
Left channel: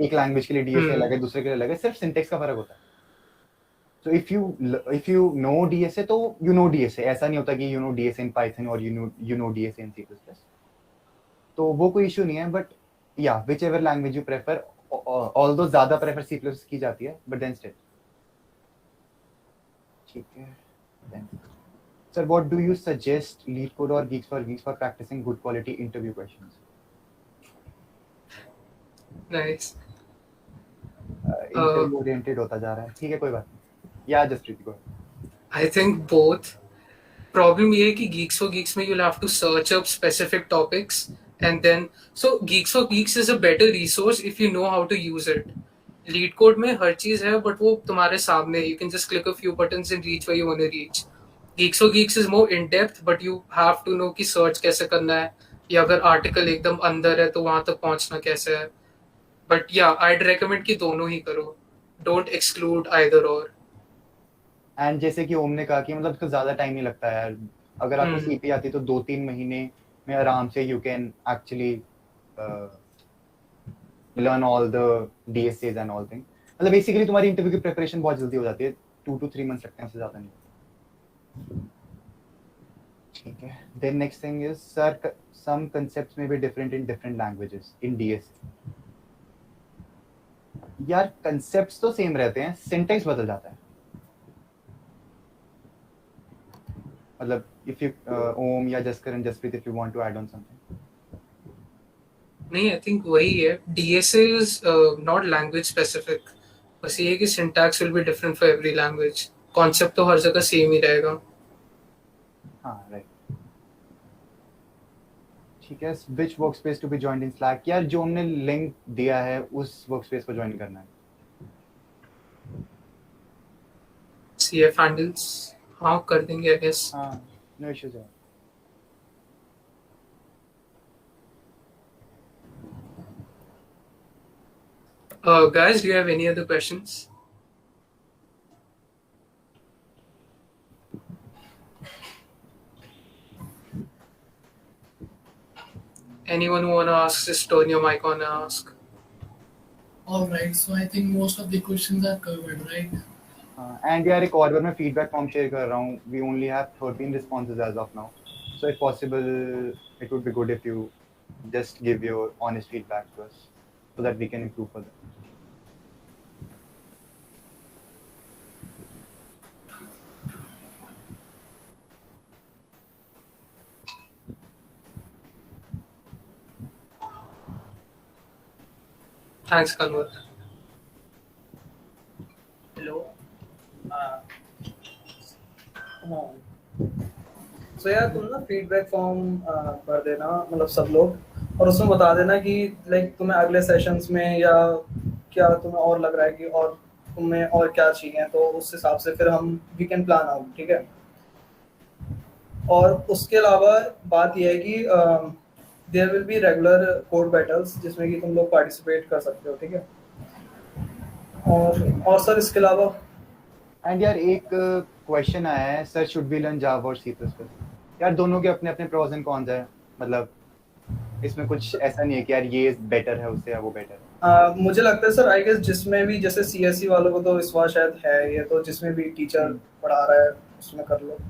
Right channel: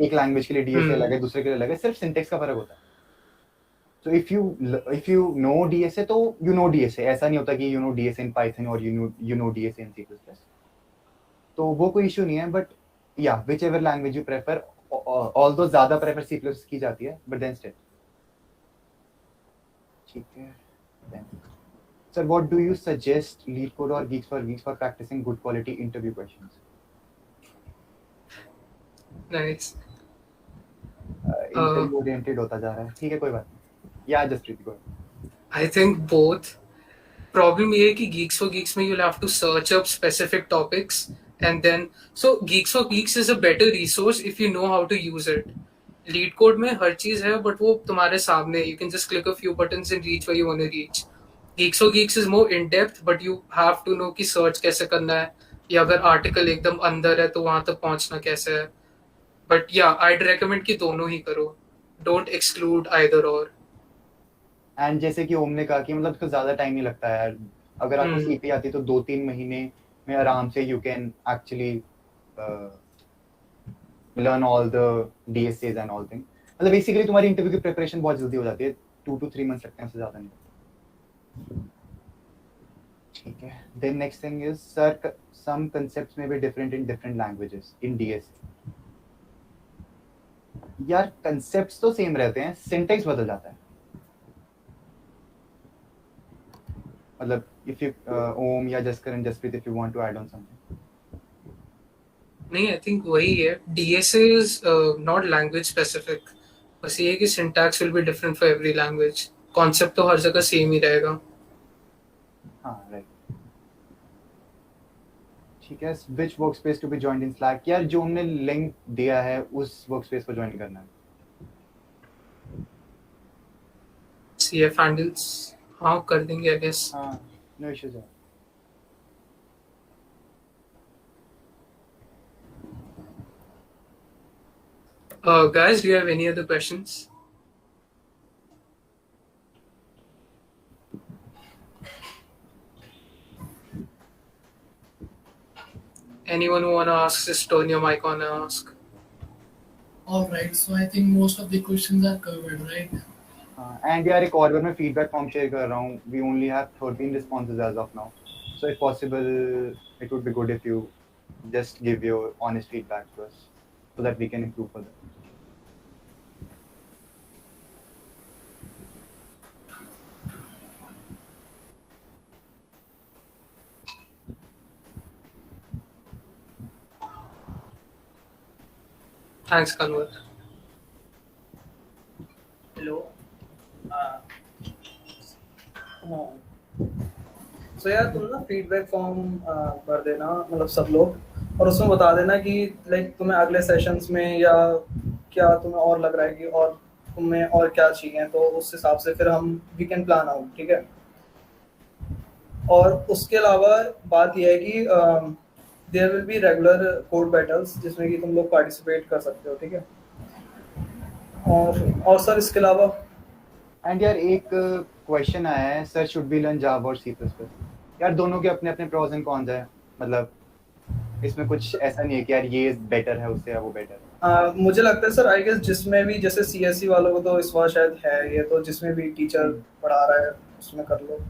एक language के लिए DSA अलग है, दूसरे के लिए अलग है, सिर्फ सिंटेक्स का फर्क होता है. So if you know DSA तो you know DSA. ऐसा नहीं होता कि you know DSA in Python or you know DSA in C++. तो वो कोई इशू नहीं है, but yeah, whichever language you prefer, although ज़्यादा prefer C++ की जाती है, but then still. ठीक है. Then, sir, what do you suggest LeetCode or Geeks for Geeks for practicing good quality interview questions? Nice. Interview oriented होता जा रहा है. ठीक है, कोई बात नहीं. Yeah, just go ahead. I think both. Problem ये है कि Geeks for Geeks में you'll have to search up specific topics and then so Geeks for Geeks is a better resource if you know how to use it. LeetCode में हर चीज है but वो तुम्हारे सामने है. You can just click a few buttons and reach where you want to reach. Geeks for Geeks is more in depth but you have to know कि search कैसे करना है या अगर article एकदम अंदर है तो वहां तक पहुंचना कैसे है. But yeah, I'd recommend कि दोनों ही करो. Don't exclude either or. And जैसे कि ओम ने कहा कि मतलब इसको ज्यादा टाइम नहीं लगता है यार. अगर आपको सीपी आती है तो 2-3 महीने में आराम से you can actually learn all the DSS and all thing. मतलब बेसिकली तुम्हारी इंटरव्यू की प्रिपरेशन बहुत जल्दी हो जाती है. 2 to 3 months लगते हैं, उससे ज्यादा नहीं. ठीक है. Then next thing is sir some concepts may be different in different languages in DSA. यार कांसेप्ट्स तो सेम रहते हैं, सिंटैक्स बदल जाता है. मतलब if you Om या Jaskaran, Jasprit, if you want to add on something. नहीं, I think वही है. DSA is not language specific. बस ये है कि syntax will be different for every language. Concept तो हर जगह same ही रहेगा. हाँ, right. ठीक है. Which workspace to be joined in Slack? यार जो हमने लिंक दिया है उस workspace को ज्वाइन करना है. CF handles हाँ कर देंगे I guess. हाँ, no issues है. Guys, do you have any other questions? Anyone who wanna ask, just turn your mic on and ask. All right, so I think most of the questions are covered, right? And यार एक और बार मैं feedback form share कर रहा हूँ. We only have 13 responses as of now, so if possible it would be good if you just give your honest feedback to us so that we can improve further. Thanks, Kanwar. Hello. So यार तुम ना feedback form भर देना, मतलब सब लोग, और उसमें बता देना कि लाइक तुम्हें अगले सेशंस में या क्या तुम्हें और लग रहा है कि और तुम्हें और क्या चाहिए, तो उस हिसाब से फिर हम वी कैन प्लान आउट. ठीक है. और उसके अलावा बात यह है कि there will be regular code battles जिसमें कि तुम लोग पार्टिसिपेट कर सकते हो. ठीक है. और सर इसके अलावा एंड यार एक क्वेश्चन आया है, सर शुड बी लर्न जावा और सी प्लस प्लस. यार दोनों के अपने अपने प्रोज एंड कॉन्स है. मतलब इसमें कुछ ऐसा नहीं है कि यार ये बेटर है उससे या वो बेटर है. मुझे लगता है सर आई गेस जिसमें भी जैसे सीएससी वालों को तो इस बार शायद है ये, तो जिसमें भी टीचर पढ़ा रहा है उसमें कर लो.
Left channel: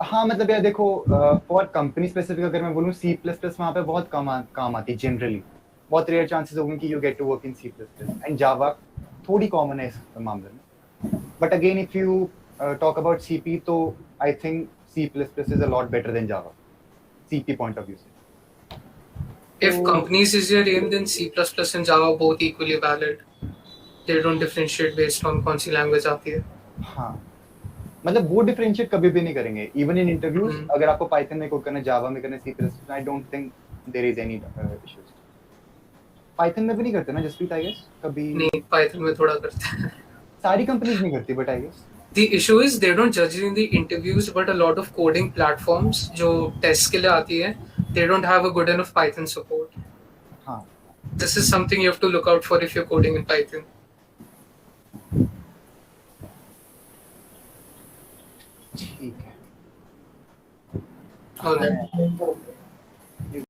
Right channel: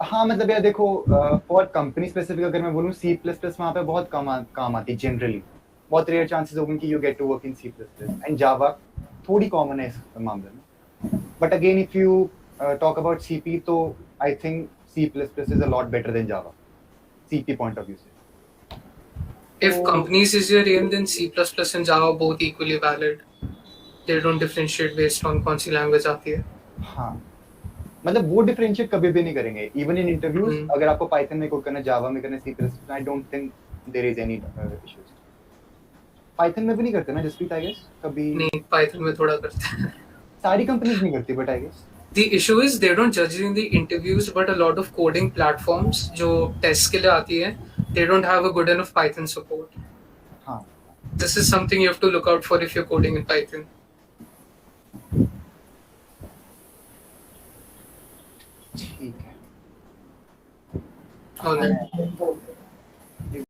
हाँ मतलब यार देखो फॉर कंपनी स्पेसिफिक अगर मैं बोलूँ सी प्लस प्लस वहाँ पे बहुत काम आती है जनरली. बहुत रेयर चांसेस होंगे कि you get to work in C plus plus. And Java थोड़ी कॉमन है इस मामले में. But again if you talk about CP तो I think C++ is a lot better than Java, CP point of view से. If So- companies is your aim, then C++ and Java are both equally valid. They don't differentiate based on कौन सी language आती है. हाँ, मतलब वो differentiate कभी भी नहीं करेंगे. इवन इन इंटरव्यूज हम्म. अगर आपको पाइथन में कोड करना है, जावा में करना है, C++, I don't think there is any issues. Python में भी नहीं करते ना जसप्रीत, आई गेस कभी. नहीं, Python में थोड़ा करते हैं. सारी कंपनीज नहीं करती, but I guess. The issue is they don't judge in the interviews, but a lot of coding platforms जो test के लिए आती है, they don't have a good enough Python support. हाँ. This is something you have to look out for if you're coding in Python. ठीक है. All right.